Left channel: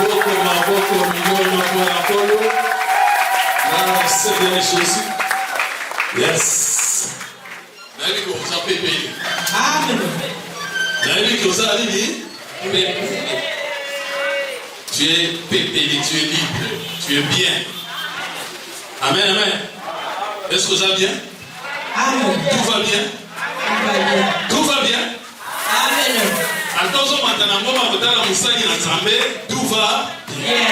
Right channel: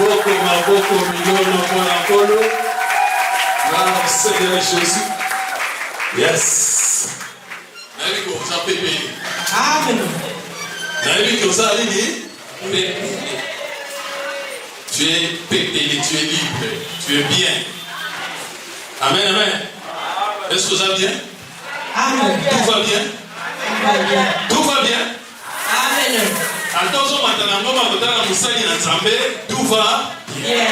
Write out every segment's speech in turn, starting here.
Maboko, mikono, mkono. Na sema Jésus. Yes. Na hivi kwa sababu pepe. Amen. Na hivi kwa sababu nini? Tu es pépé, tu es libre, tu es bien. Amen, amen. Est-ce que ça va bien? Amen. Tout va bien? Amen. Tout va bien? Amen. Attention maintenant, moi je vais musali na Nzambe, tout va bien.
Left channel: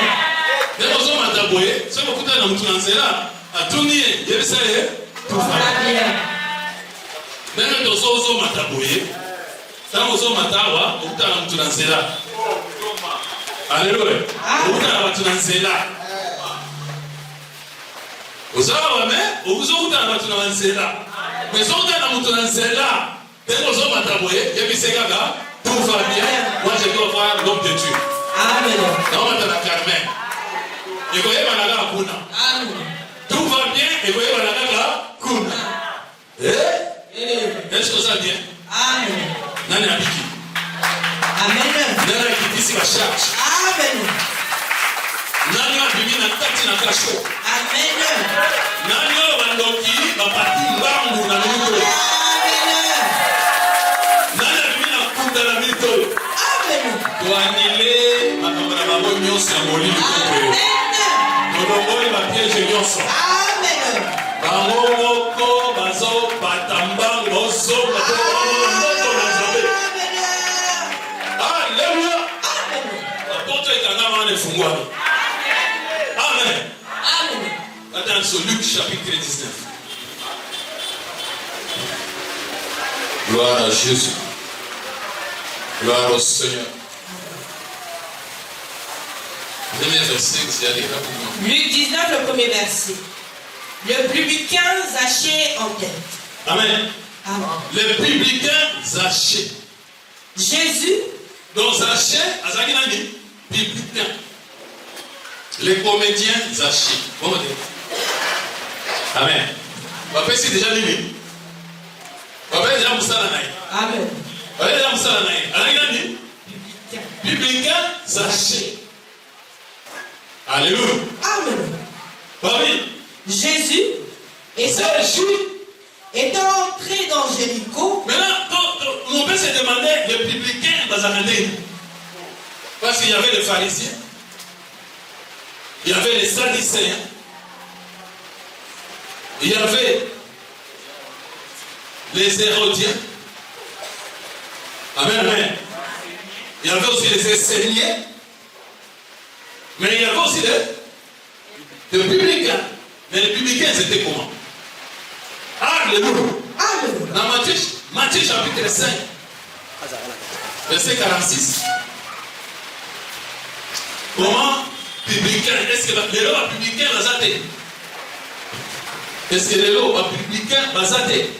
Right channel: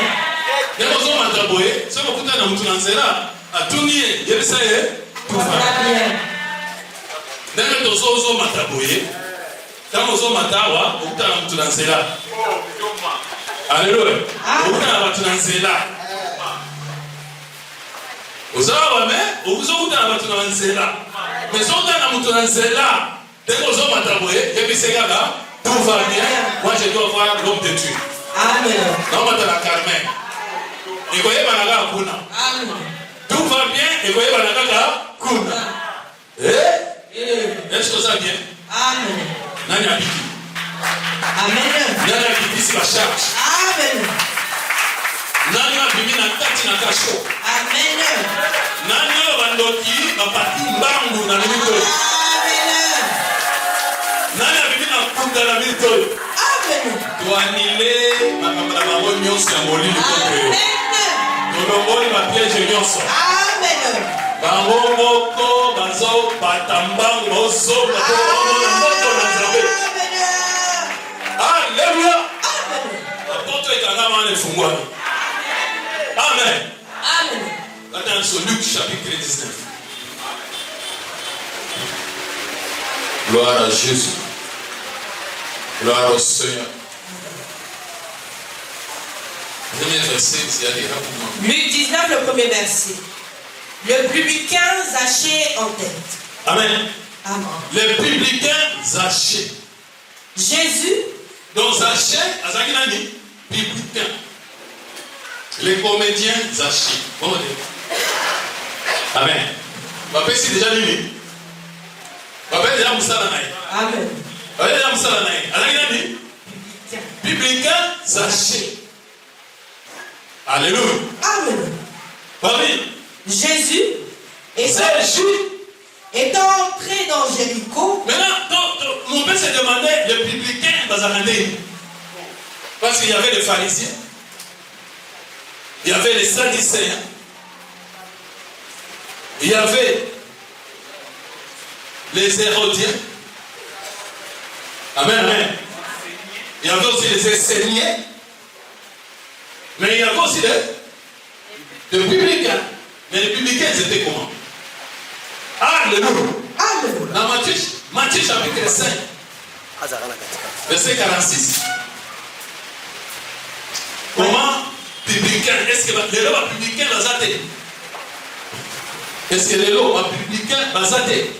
Attention maintenant boye, c'est pour que tu na nzela, atuniye, yebisa ye, tout va bien. Dès que tu mata boye, quand tu matawa, tu na nzela. Alléluia. Tu na nzela. Uzawa me, ukuzokuta abantu na nzela. Mais on a mutu na nzela. Dès que tu mata boye, yebisa gaga. Tout va bien. Moi, je dois voir l'homme de Dieu. Amen. Non, on va Carmen. Et vous voyez, Banaga Kuna. Amen. Tout va bien. Et vous voyez, Banaga Kuna. Est-ce que ça va bien? Amen. Nani a biki? Amen. Nani a biki si la charge? Amen. Nani a biki na tati na kacho? Amen. Nani a bandoki na pati mbangu na nito? Amen. Tuanile makamana mamo nyonso ya molili kopeo. Tolongoli mapiège nyonso. Amen. Bango moko bazo batambango bozo batomona moko na Nzambe. Alléluia. Amen. Apoto ekanga mane fungwa. Amen. Amen. Attends, Luc chapitre 19. Gloire à Jésus. Gloire au Seigneur. Luc 19, le premier verset. Le publicain Zachée en tête. Amen. Amen. Le publicain Zachée. Jésus. Donc Zachée, Azaki nani? Publicain. Les comédiens Zachée. Bon, amen. Papa, c'est déjà lui. Papa, déjà Moussa Nanaï. Amen. Publicain Zachée. Alléluia. Amen. Paris. Jésus étant entré dans Jéricho. Maintenant, mon père se demandait le publicain Bazanandé. Parce qu'il y avait les pharisiens, il y avait les sadducéens, il y avait les hérodiens. Amen, amen. Il y avait aussi les enseignants. Mais il y avait aussi les publicains. Mais les publicains, c'était comment? Alléluia. Alléluia. Dans Matthieu chapitre 5, verset 46. Comment publicain? Est-ce que les lois publicains basatés? Est-ce que les lois publicains basatés?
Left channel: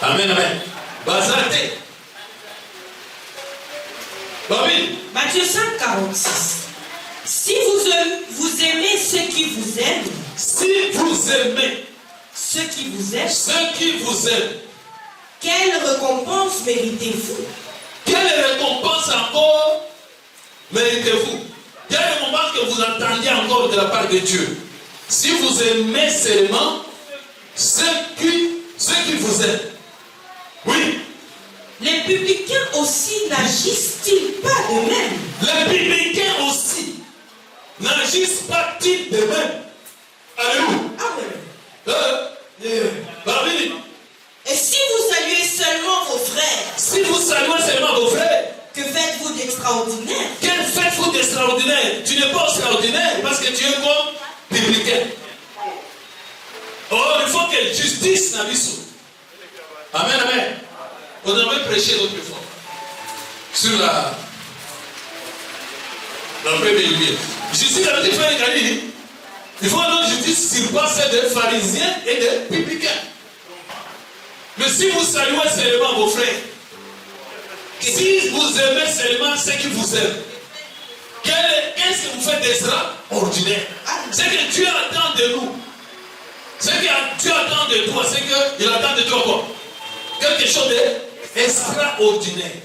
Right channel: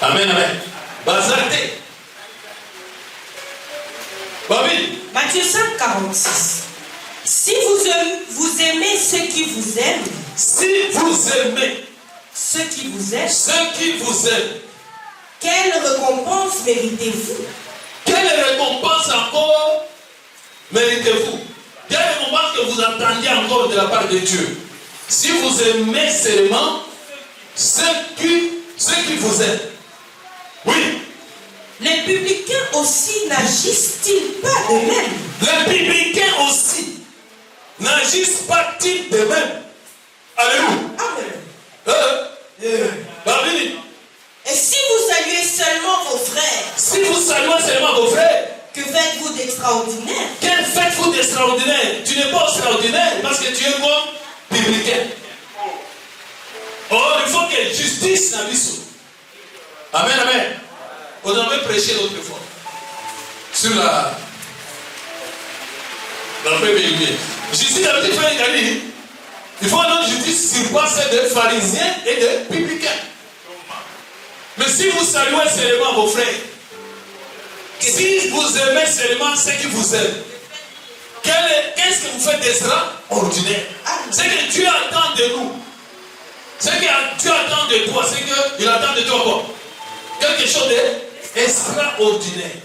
Amen, amen. Basaté. Babi. Matthieu 5, 46. Si vous aimez ceux qui vous aiment. Si vous aimez ceux qui vous aiment. Ceux qui vous aiment. Quelle récompense méritez-vous? Quelle récompense encore méritez-vous? Quelle récompense que vous attendiez encore de la part de Dieu? Si vous aimez seulement ceux qui vous aiment. Oui. Les publicains aussi n'agissent-ils pas de même? Les publicains aussi n'agissent pas-ils de même? Alléluia. Marie. Et si vous saluez seulement vos frères? Si vous saluez seulement vos frères, que faites-vous d'extraordinaire? Quel faites-vous d'extraordinaire? Tu n'es pas extraordinaire parce que tu es comme publicain. Or, il faut que justice n'abisse. Amen, amen. On avait prêché l'autre fois sur la première lumière. Justice a dit faire une. Il faut que justice surpasse des pharisiens et des publicains. Mais si vous saluez seulement vos frères, si vous aimez seulement ceux qui vous aiment, qu'est-ce que vous faites d'extraordinaire? Ce que Dieu attend de nous, ce que Dieu attend de toi, c'est qu'il attend de toi quoi? Quelque chose d'extraordinaire.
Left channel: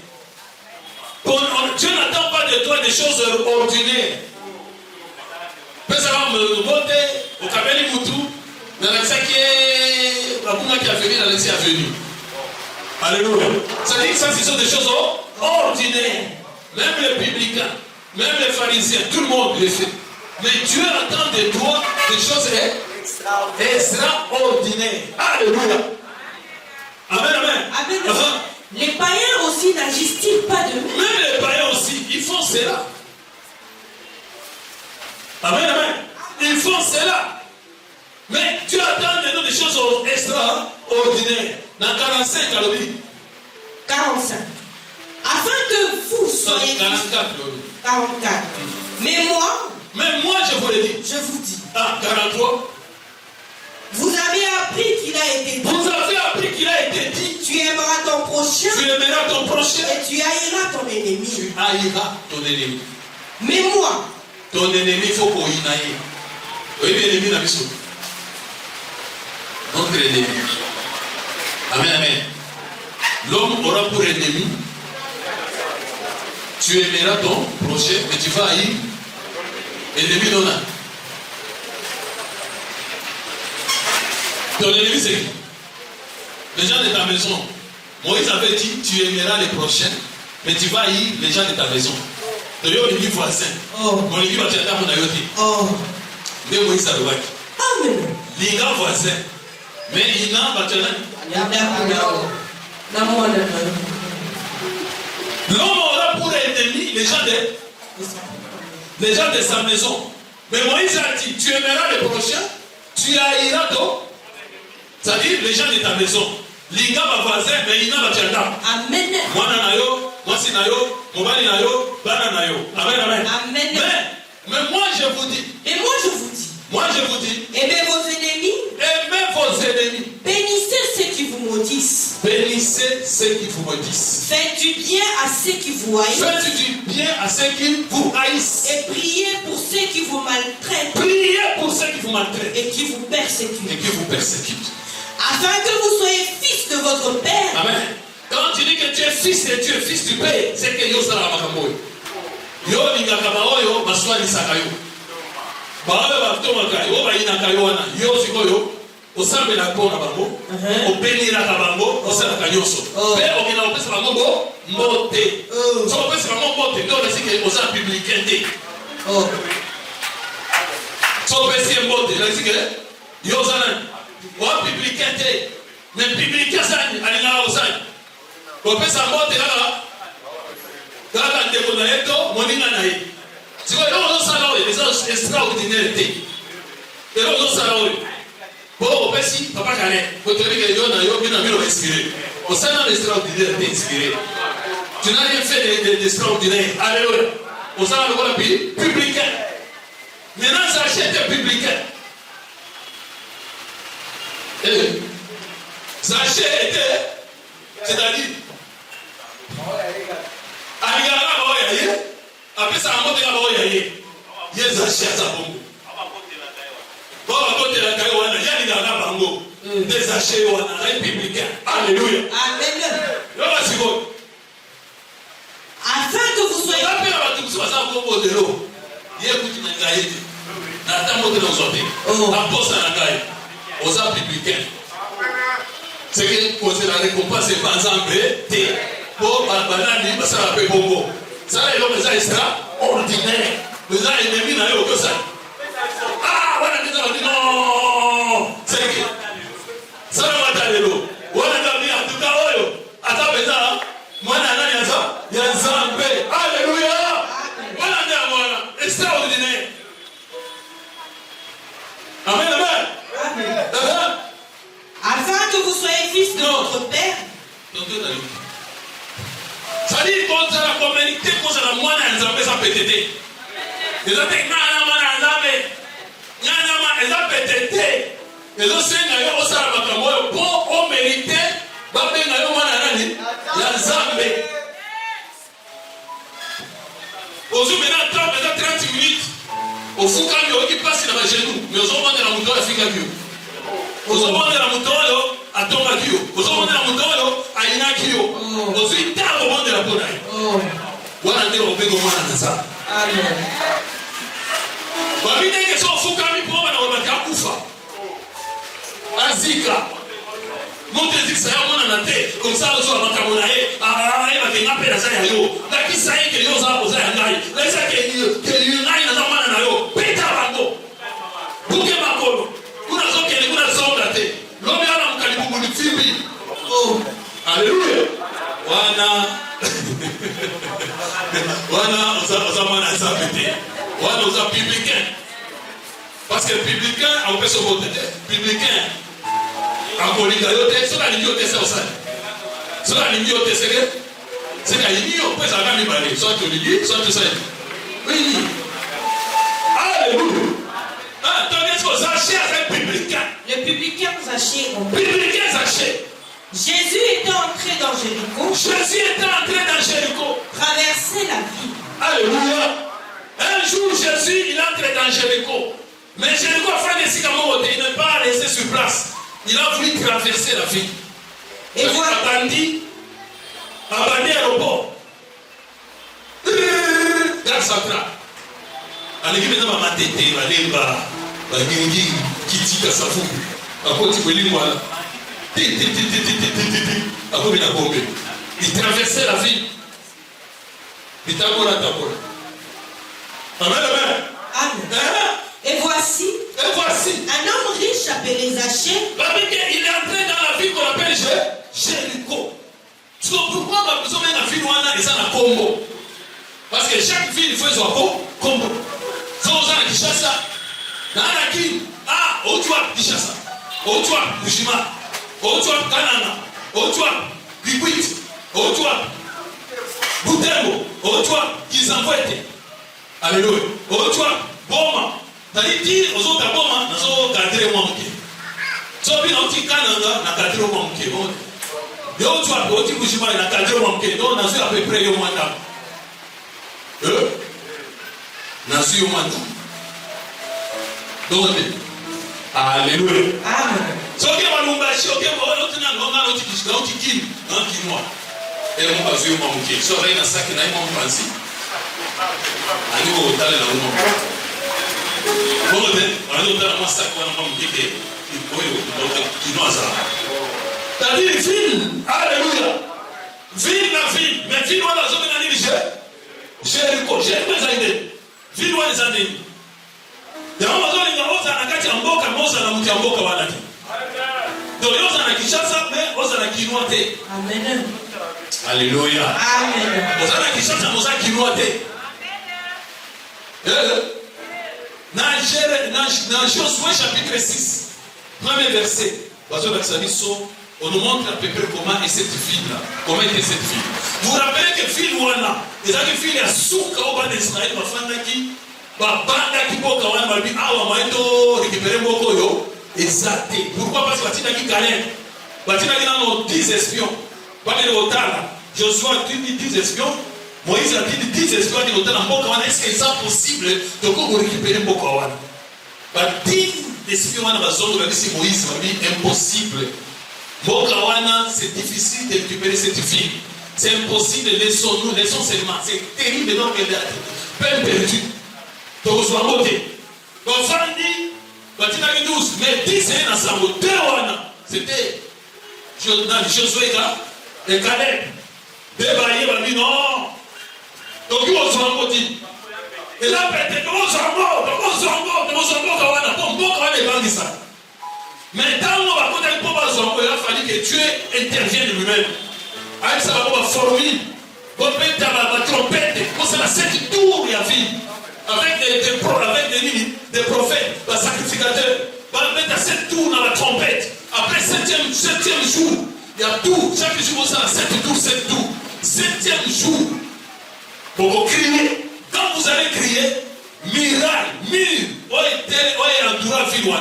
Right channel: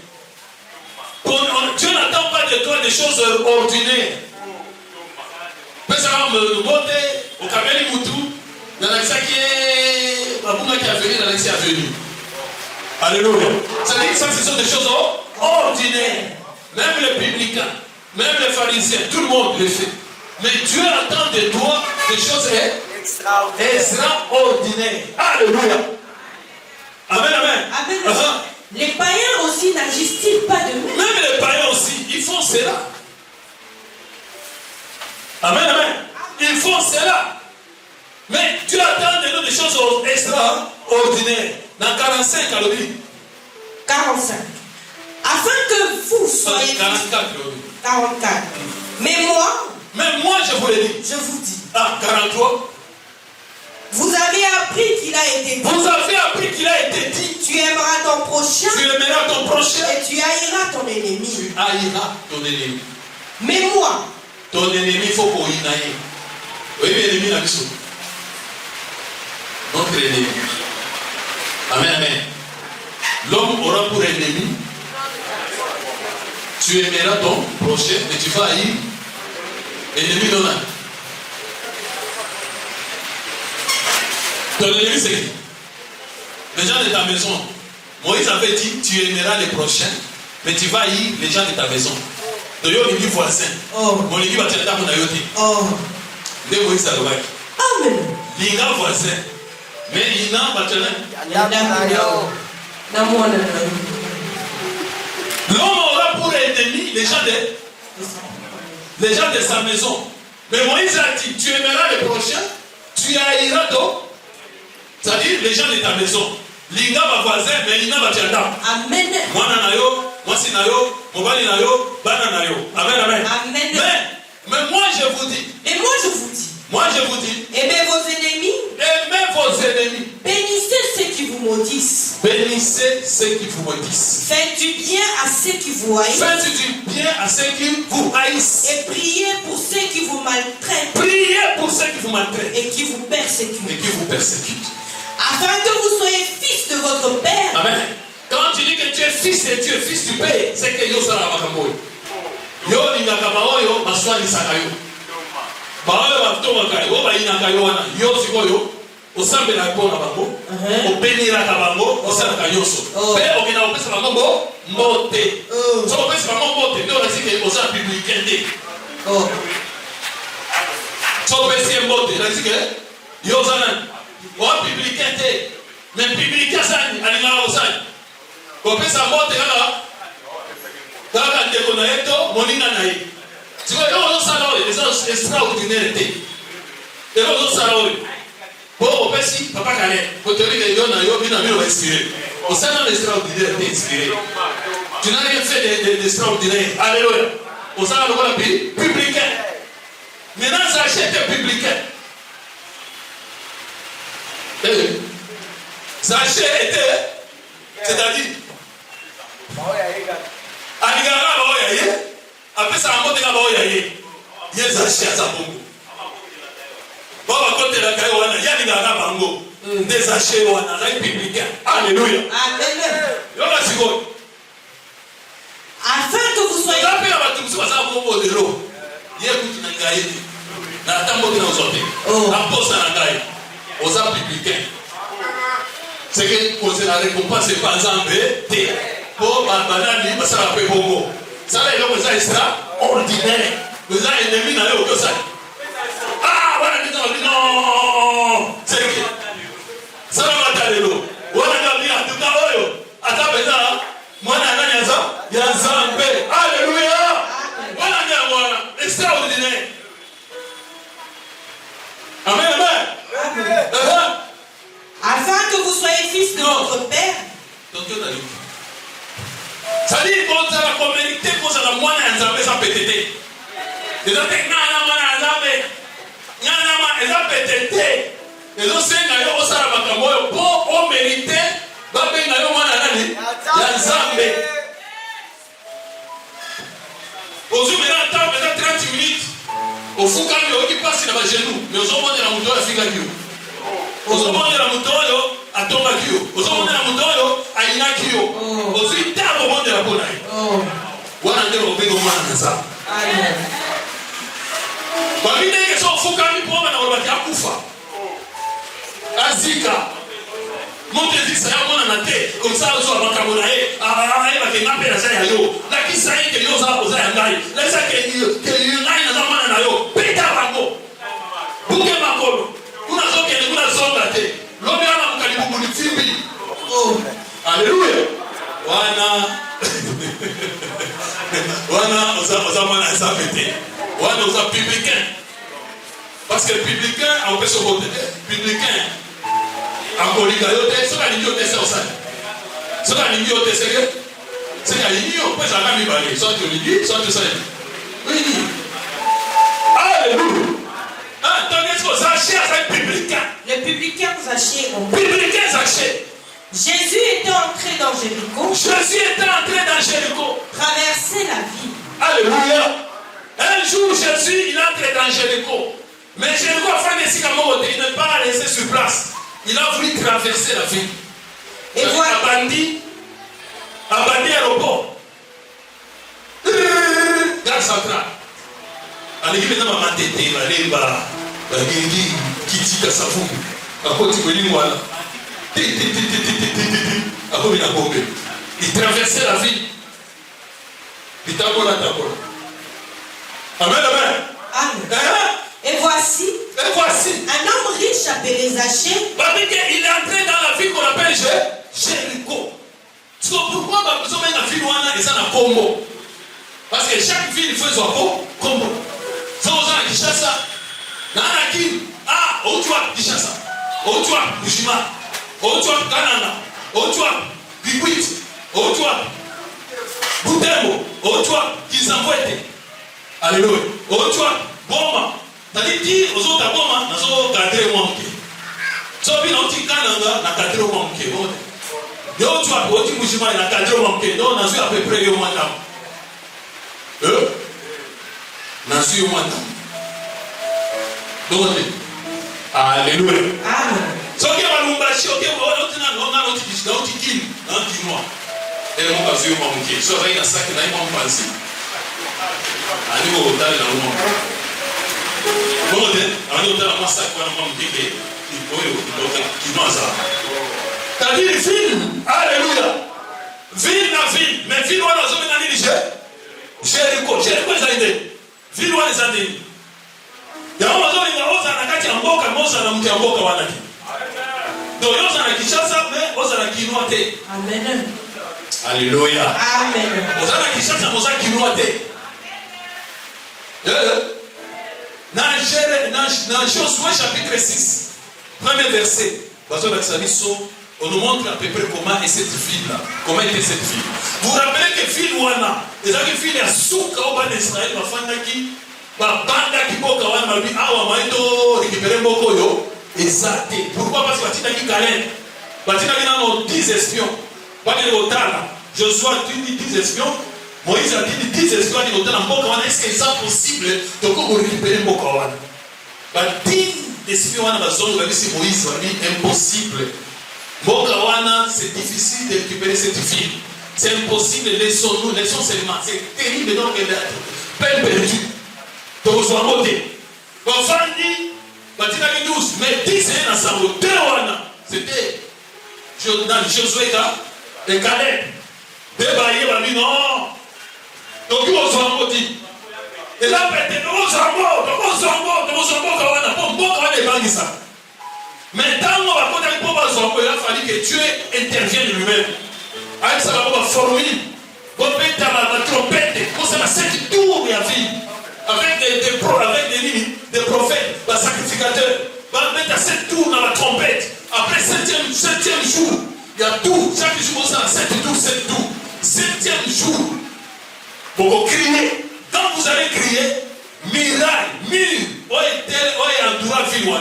Dieu n'attend de toi des choses ordinaires. Personne me monter au Kameli Moutou, dans l'accès qui est venu, dans l'accès à venir. Alléluia. Ça dit que ça, ce sont des choses ordinaires. Même les publicains, même les pharisiens, tout le monde le fait. Mais Dieu attend de toi des choses extraordinaires. Alléluia. Amen, amen. Amen. Les païens aussi n'agissent-ils pas de même? Même les païens aussi, ils font cela. Amen, amen. Ils font cela. Mais Dieu attend de nous des choses extraordinaires. Dans 45, à l'oubli. 45. Afin que vous soyez... 44. Mais moi, je vous le dis. Je vous dis. 43. Vous avez appris qu'il a été dit. Vous avez appris qu'il a été dit. Tu aimeras ton prochain. Tu aimeras ton prochain. Et tu haïras ton ennemi. Tu haïras ton ennemi. Mais moi. Ton ennemi, il faut qu'on y aille. Oui, l'ennemi, la mission. Notre ennemi. Amen, amen. L'homme aura pour ennemi. Tu aimeras ton prochain, mais tu vas haïr ennemi non. Ton ennemi, c'est qui? Les gens de ta maison. Moïse avait dit, tu aimeras les prochains, mais tu vas haïr les gens de ta maison. Tu as dit voisin. Mon ennemi va te dire mon ayoté. Mais Moïse a le droit. Amen. Les gars voisins. Mais il n'a pas de l'homme aura pour ennemi les gens de sa maison. Mais Moïse a dit, tu aimeras les prochains, tu haïras ton. C'est-à-dire les gens de ta maison. Les gars voisins, mais il n'a pas de Amen. Voici nayo, mobali nayo, bana nayo. Amen, amen. Amen. Mais moi je vous dis. Et moi je vous dis. Moi je vous dis. Aimez vos ennemis. Aimez vos ennemis. Bénissez ceux qui vous maudissent. Bénissez ceux qui vous maudissent. Faites du bien à ceux qui vous haïssent. Faites du bien à ceux qui vous haïssent. Et priez pour ceux qui vous maltraitent. Priez pour ceux qui vous maltraitent. Et qui vous persécutent. Et qui vous persécutent. Afin que vous soyez fils de votre Père. Amen. Quand tu dis que tu es fils de Dieu, fils du Père, c'est que yo sera makambo. Yo lingakaba oyo maswali sakayo. Baoyo batomaka yo bayinaka yo wana. Yo sikoyo osambela pona bango. Obenira bango, osala nyonso. Pe okina opesa bango mote. So opesa bango mote, ndio basike osa publicain de. So opesa mote, basike yo zana. O publicain de. Mais publicain sani alingala osani. Kopesa mote kaka ndeko na yeto monina na ye. Siko yo osala oyo les extraordinaires te. Yo osala oyo. Bon, opesi papa kane. Kotori ke yo na yo bina bilo inspiré. Osala l'extraordinaire te inspiré. Tu n'as rien fait d'extraordinaire. Alléluia. Osala le voilà publicain. Maintenant ça achète publicain. Ça achète c'est-à-dire aligara ba oya ye apesa amote ka ba oya ye yesu ashia za bongo baba kote la kai wana ya aligara bango des achets wana la publicain. Alléluia. Amen. Lola siko afin que vous soyez la paix à tout ça ça ko de l'eau ye kuti na kai na tambo de nos hommes aposta na kai osa publicain. C'est que on se la récompense c'est pas exemple pour banani basala pe bongo ça là il est extraordinaire les ennemis na yo to ça wana dit non c'est que ça va ta lelo wana ndio en tout cas oyo atapeza mwana nani aza ya zambe. Alléluia. Wana ndio extraordinaire. Amen, amen. Afin que vous soyez fils de votre Père. Ça dit qu'on a la communauté, qu'on a la moine à Nzambé, ça peut t'aider. Les autres, ils ont pété. Les autres, ils ont ça, pour on mérite, ils ont Nzambé. Aujourd'hui, maintenant, 30 minutes. Au fou, quand il passe, il a genoux. Mais aux hommes, on a la mouton, il a fait ozomondela moto oyo atongaki yo, ozomondela moto oyo ayinaki yo, ozwi talo omondela mpo na ye. wana nde obengo mwana na nzambe. Amen. Babinenge so fukami po bana olobaki akufa. Azika. Monte disa ya mwana na te, comme ça ozo abakamu na ye, bakenga mpe na za ya yo. Nakisa ye ke yo oza ya ngai. Nakisa ke ngai na za mwana na yo. Peta bango. Buke makolo. Kuna zokele kuna zonga te. Lobi ala mukalibu ni fimbi. Oh. Alléluia. Wana oza mwana ya sabete. Wana oza publicain. Parce que publicain on peut se voter. Publicain. Akolika yote soka ni yote sasa. Soka ni yote sérieux. C'est la ligne on peut jamais parler. Soit tu dis, soit tu sais. Oui. Alléluia. Ah, donc est-ce que ça cherche publicain? Les publicains Zachée ont Publicain Zachée. Jésus était entré dans Jéricho. Jésus était entré dans Jéricho. Traversait la ville. Alléluia. Un jour, Jésus, il entre dans Jéricho. Mais Jéricho a fait des sycamores. Il n'est pas resté sur place. Il a voulu traverser la ville. Et voilà. Abandi aéroport. Gare centrale. Aleki maintenant ma matete, balemba, balingi, kitika safu. Akoti kweli mwana. Il traversait la ville. Il tabola. Amen, amen. Amen. Et voici un homme riche appelé Zachée. Il est entré dans la ville qu'on appelle Jéricho. Pourquoi besoin de la ville où on a un combo? Parce que chaque ville fait son combo. Si on a Kishasa, Otua Kishasa, Otua Bushima, Otua Kanana, Otua Kikwit, Otua Butembo, Otua Kizamwete. Alléluia. Otua Boma. C'est-à-dire dire aux autres Boma, nous avons gardé le manqué. Si on a dit Kanana, on a gardé le manqué. Yo tu as oti Bushima, il a gardé le manqué. Donc on a vu à peu près au matin. Nasu au matin. Donc, alléluia. Amen. So que va nous bâcher, ok, on a et on va jouer mon bouquet. So rien à ça que là, il m'a pensé. À nous, au tal, là, on m'a bon, à nous, au tal, on m'a ça, on m'a dit que il doit ça. T'as dit ville, alléluia. Ville, la ville, mais ville, on a zone dans l'île, Jéricho, Jéricho, ça y est. Ville, on a zone. Ya mazoni ya oza na kati ya mboka moza na mtu ya mboka wanake. Donc yoza na Kinshasa mais oza na Kinwa te. Amen. Alléluia. Amen. Oza na Kinshasa moza Kinwa te. Na Josué chapitre 6, premier verset. Parce que on nous montre à peu près comment est cette ville-là. Comment était cette ville. Vous vous rappelez que ville wana, les amis ville ya souka au bas d'Israël bafandaki babanga kiboka wana babi awa maito récupérer mboko yo exacté. Pourquoi? Parce que batindaki Caleb, batindaki nano 10 espions. Pas de otala. Josué a dit 10 espions. Moïse a dit 10 espions qui otala mboka wana. Est-ce que c'est possible de récupérer mboka wana? Ba 10 espions wana bazongo babi si Moïse a dit impossible. Mboka wana c'est difficile de récupérer cette ville. C'est impossible, laissons seulement. C'est terrible donc peine perdue. Donc, je vais voter. Donc, Fandi, Batinaki 12, mais 10 c'est ensemble. 2 wana. C'était Josué et Caleb. 2 baillés, on dit non. Donc, ils vont voter. Et là, peut-être, on s'en va, mais tant qu'on va voter pour il a fallu que Dieu intervienne lui-même. Avec ça, on va former. On va mettre la trompette. Pour ça, 7 tours et à vie. Avec des prophètes, des sacrificateurs. On va mettre 7 tours dans la trompette. Après 7e jour, il y a tout. Chaque jour, on a 7 tours. 7e jour. Pour vous crier. Quand vous allez crier, miracle,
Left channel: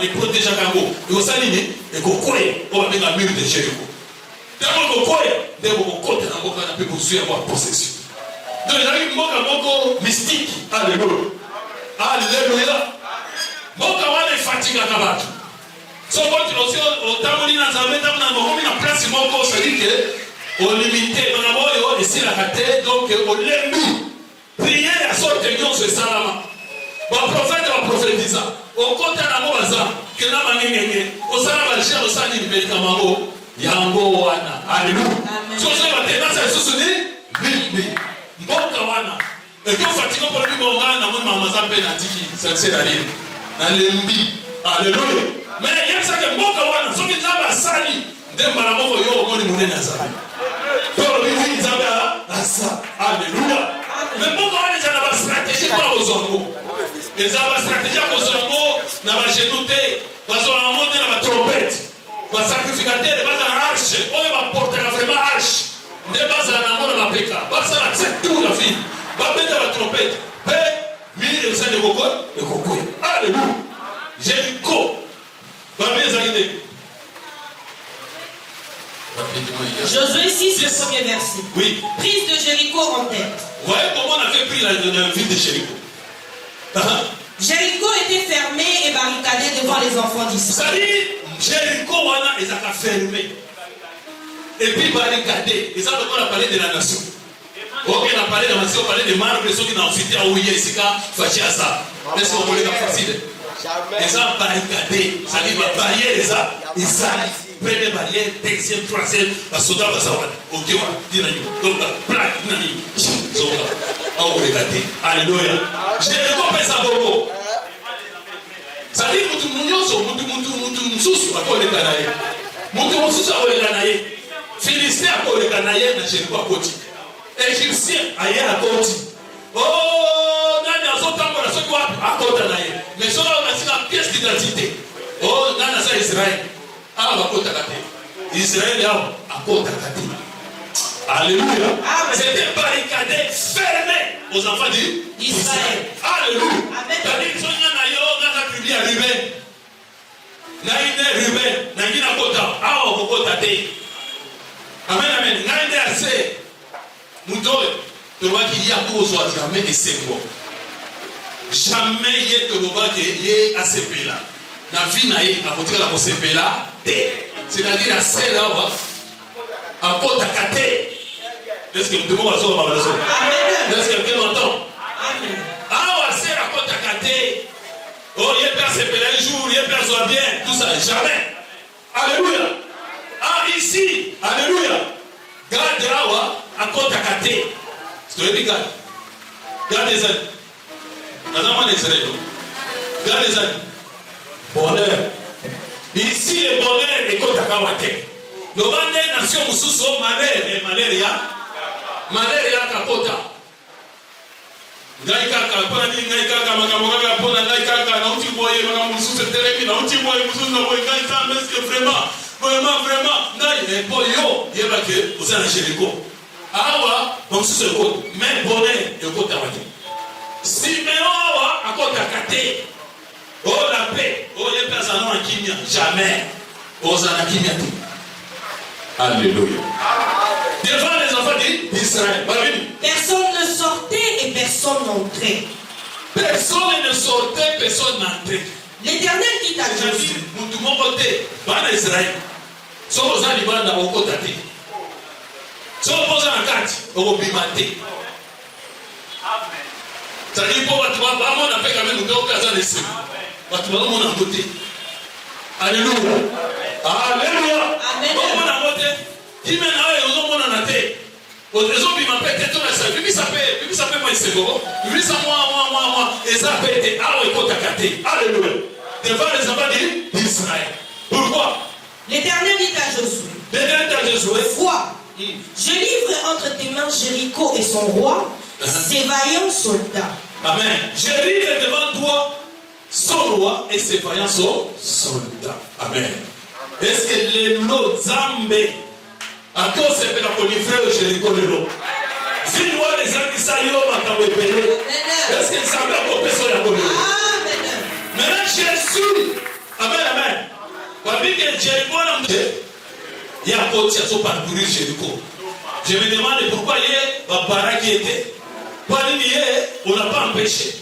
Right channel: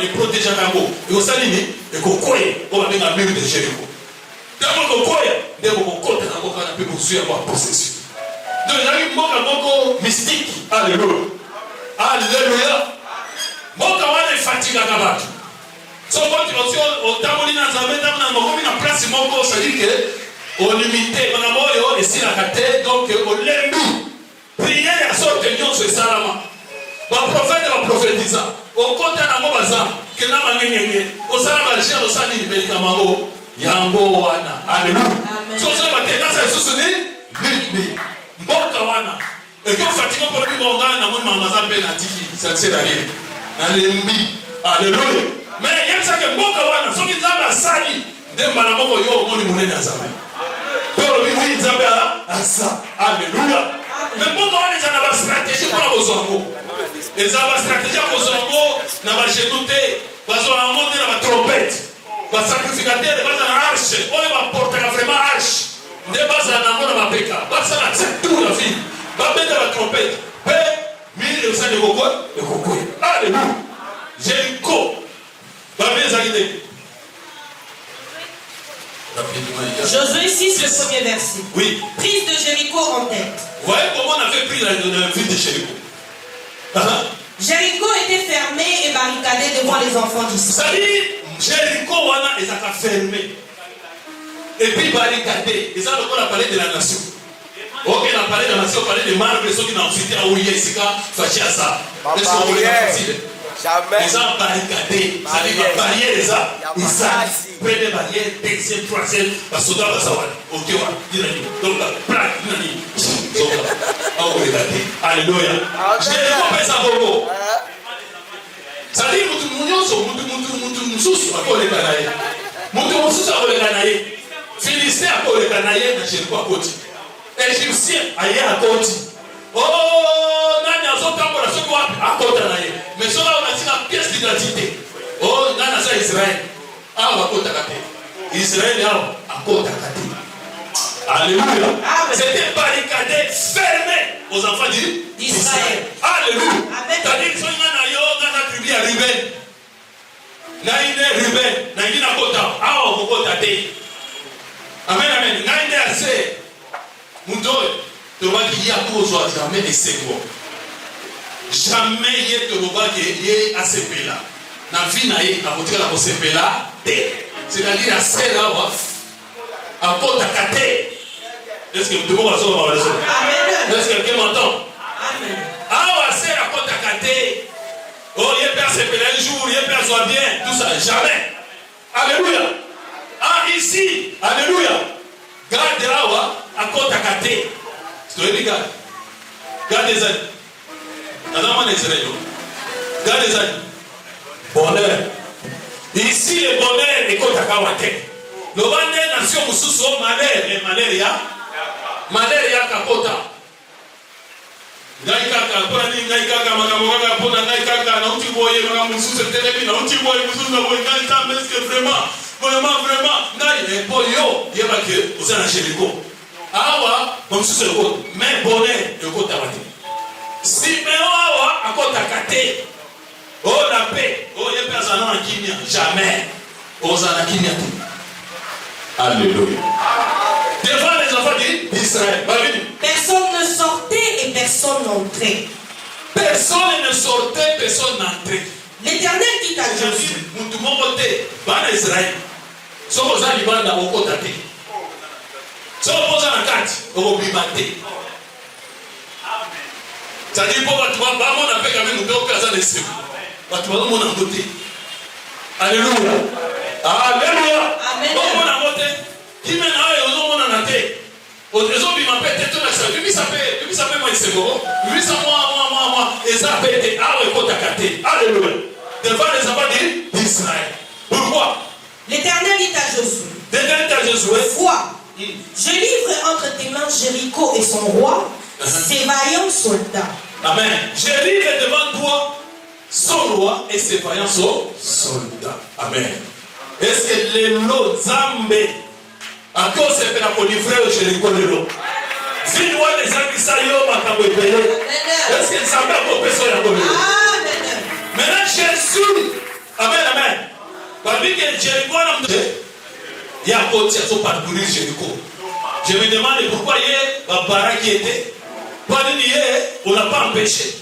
les protéger à Gambo. Et vous savez, et qu'on croit, on va mettre la mur de Jéricho. D'abord, on croit, d'abord, on compte dans le peu pour suivre avoir possession. Donc, il y a eu un mot mystique. Alléluia. Alléluia. Moka wana fatigué à Kabat. So, quand tu vas au Tamouli, dans la place, c'est dire qu'on limité, on a ici la carte, donc on l'aime. nyonso esalama baprofete baprofetisa okota nango baza kena bangengenge osala bajia osala nini melikama yango yango wana aleluya soso batekasa lisusu ni mboka wana ekofatika mpona bingongana namoni mamaza mpe na tiki sansela ye nalembi aleluya me yebisake mboka wana soki nzambe asali nde mbala moko yo omoni monene azali tolobiwi nzambe asa aleluya me mboka wana eza na bastratégie mpona kozwa ngo eza bastratégie ya kozwa ngo na bagenu te bazwa yango nde na batrompete basacrificatere baza na arche oyo baportaka vraiment arche nde bazala nango na mapeka basala tout la vie babenda batrompete mpe mili esali ekokwe aleluya Jéricho babeli ezali te. Josué 6, le premier verset. Oui. Prise de Jéricho en tête. Vous voyez comment on avait pris la ville de Jéricho. Jéricho était fermé et barricadé devant les enfants d'Israël. Jéricho wana ezaka fermé et puis barricadé. Et ça on a parlé de la nation. Ok, on a parlé de la nation, on a parlé de marbre, ceux qui n'ont cité à Ouye, Sika, Fachiasa. Est-ce qu'on voulait la facile? Les gens barricadés, ça dit la barrière les gens, ils arrivent, première barrière, deuxième, troisième, la soda va savoir, ok, donc la plaque, nani, donc là, on va regarder, alléluia. Jéricho pèse à Bobo. Ça dit, mutu mususu akoleka na ye. Mutu mususu akoleka na ye. Philistin akoleka na ye na Jéricho akoti. Égyptien aye akoti. Oh, nani azotambola soki wapi akota na ye. Mais soki on a pièce d'identité. Oh, nani aza Israël. Awa bakotaka te. Israël awa akotaka te. Alléluia. C'était barricadé, fermé aux enfants d'Israël. Alléluia. C'est-à-dire que na yo na tribu ya Ruben. Na ine Ruben, na ine akota, awa kokota te. Amen, amen. Na ine ase. Mudoy, tu vois qu'il y a cause jamais de secours. Jamais il y a que le bas qui est à ce pays là. Na vie na ye, à côté de ce pays là, c'est-à-dire à ce là, à côté de Kate. Est-ce que vous devez voir la raison? Est-ce que quelqu'un m'entend? Ah, c'est à côté de Kate. Oh, il y a personne qui un jour, il y a personne bien, tout ça, jamais. Alléluia. Ah, ici, alléluia. Garde là, à côté de Kate. C'est toi, regarde. Garde les ailes. Garde les ailes. Bonheur. Ici, le bonheur est côté de Kawate. Le bonheur nation sous malheur et malaria. Malaria Kakota. Ngai kaka pani ngai kaka makamaka pona ngai kaka na uti boye makamusu tele na uti boye musu na boye ngai kaka est-ce que vraiment ngai e polio yeba ke uzana Jéricho. Awa musu ko mais bonheur e ko tabati. Siméon awa akota kate. Oh la paix, oh il y a personne en kimia jamais. Ozana kimia. Alléluia. Devant les enfants d'Israël. Personne ne sortait et personne n'entrait. Personne ne sortait, personne n'entrait. L'Éternel dit à Josué. Tout le monde était dans Israël. Si on a des bandes, on peut taper. Si on pose un carte, on peut bimater. Ça dit pour toi, on a fait quand même une occasion de se. Tu vas on a voté. Alléluia. Alléluia. On a voté. Qui mène à eux, on a noté. Aux raisons qui m'appellent, tout ça. Lui, ça fait moi, c'est bon. Lui, ça, moi. Et ça fait des armes contre ta carte. Alléluia. Devant les enfants d'Israël. Pourquoi? L'Éternel dit à Josué. L'Éternel dit à Josué. Vois, je livre entre tes mains Jéricho et son roi, ses vaillants soldats. Amen. Je livre devant toi son roi et ses vaillants soldats. Amen. Est-ce que les lots Zambé à cause de la polifrère Jéricho de l'eau? Si nous avons les amis saillants, est-ce que ça va pour personne à coller? Maintenant, Jésus, amen. Parce que Jéricho, il y a un côté à son parcourir Jéricho. Je me demande pourquoi il y a un barak qui était. Pas de nier, on ne l'a pas empêché.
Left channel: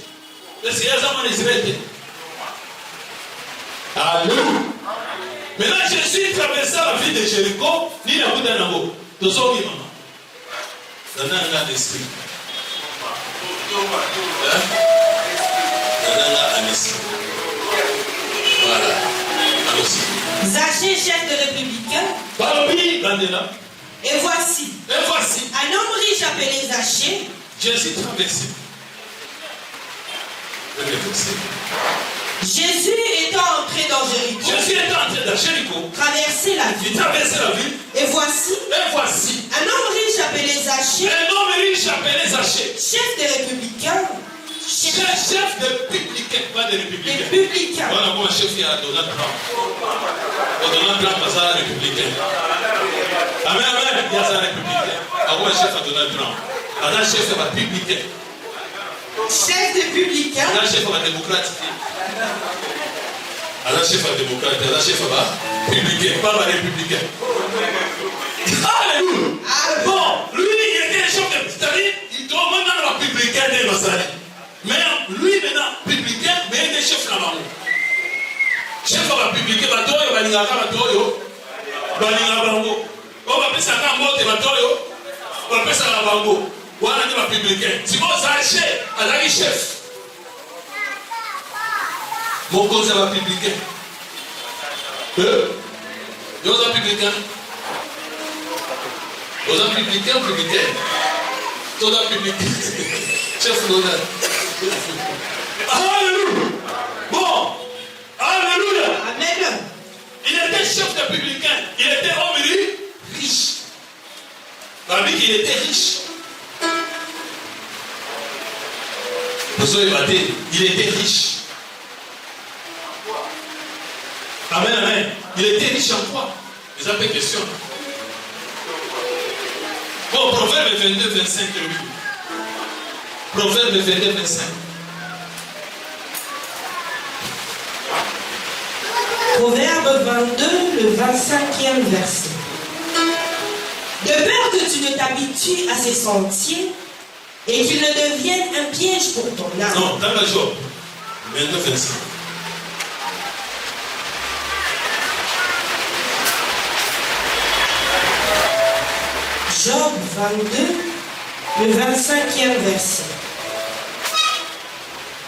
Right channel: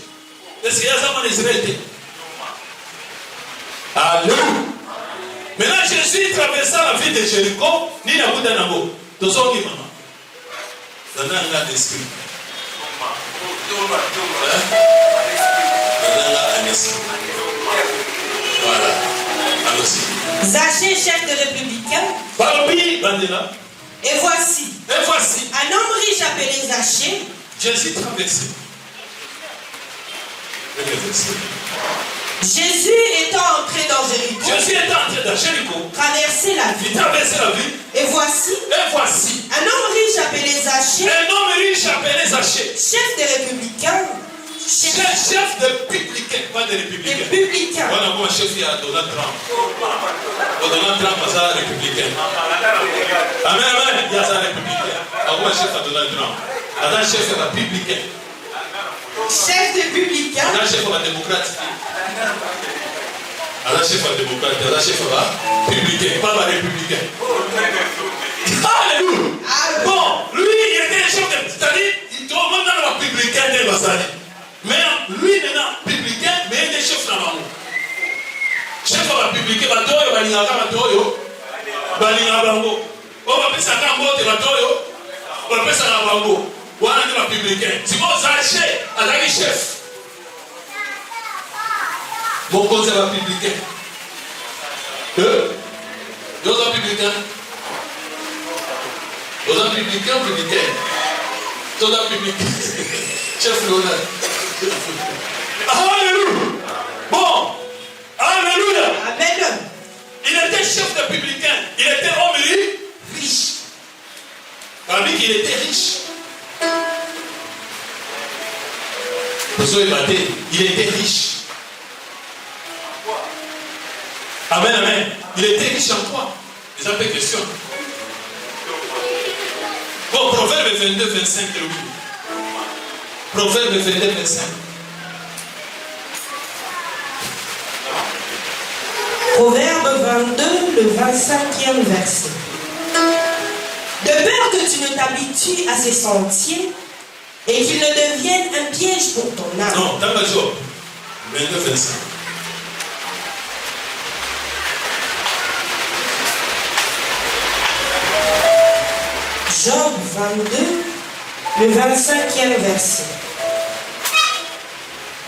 Est-ce qu'il y a un Israël? Alléluia. Maintenant, Jésus traversant la ville de Jéricho, ni la bout d'un amour. Tout ça, maman. Dans un grand esprit. Zaché, chef de républicain. Et voici. Un homme riche appelé Zaché. Jésus traversé. Jésus étant entré dans Jéricho, traversait la ville. Et voici. Un homme riche appelé Zaché. Chef de républicain. Chef de publicain, pas de républicain. Voilà, moi, chef qui a Donald Trump. Donald Trump, ça, républicain. Amen, il y a ça, républicain. Moi, chef à Donald Trump. Alors, chef de publicain. Chef de publicain. Alors, chef à démocrate. Alors, chef à démocrate. Alors, chef à publicain, pas à républicain. Alléluia. Bon, lui, il était chef de. C'est-à-dire, il doit maintenant la publicain de l'Ossalie. Mais lui maintenant, publicain, mais il est chef dans la chef de la publicain, il va doyo, il va doyo, il va bango. On va appeler ça quand mort, il va doyo, on va appeler ça la bango. On va appeler la publicain. Si vous achetez, elle a un chef. Mon cause est la publicain. Vous êtes publicain. Vous êtes publicain, publicain. Vous êtes publicain. Chef Ronald. Alléluia. Bon. Alléluia. Amen. Il était chef de publicain. Il était homme riche. Parmi il était riche. Il était riche. Amen, amen. Il était riche en quoi? Les appels question. Bon, Proverbe 22, 25. Proverbe 22, 25. Proverbe 22, le 25e verset. De peur que tu ne t'habitues à ses sentiers et qu'il ne devienne un piège pour ton âme. Non, dans la Job 22, 25. Job 22, le 25e verset.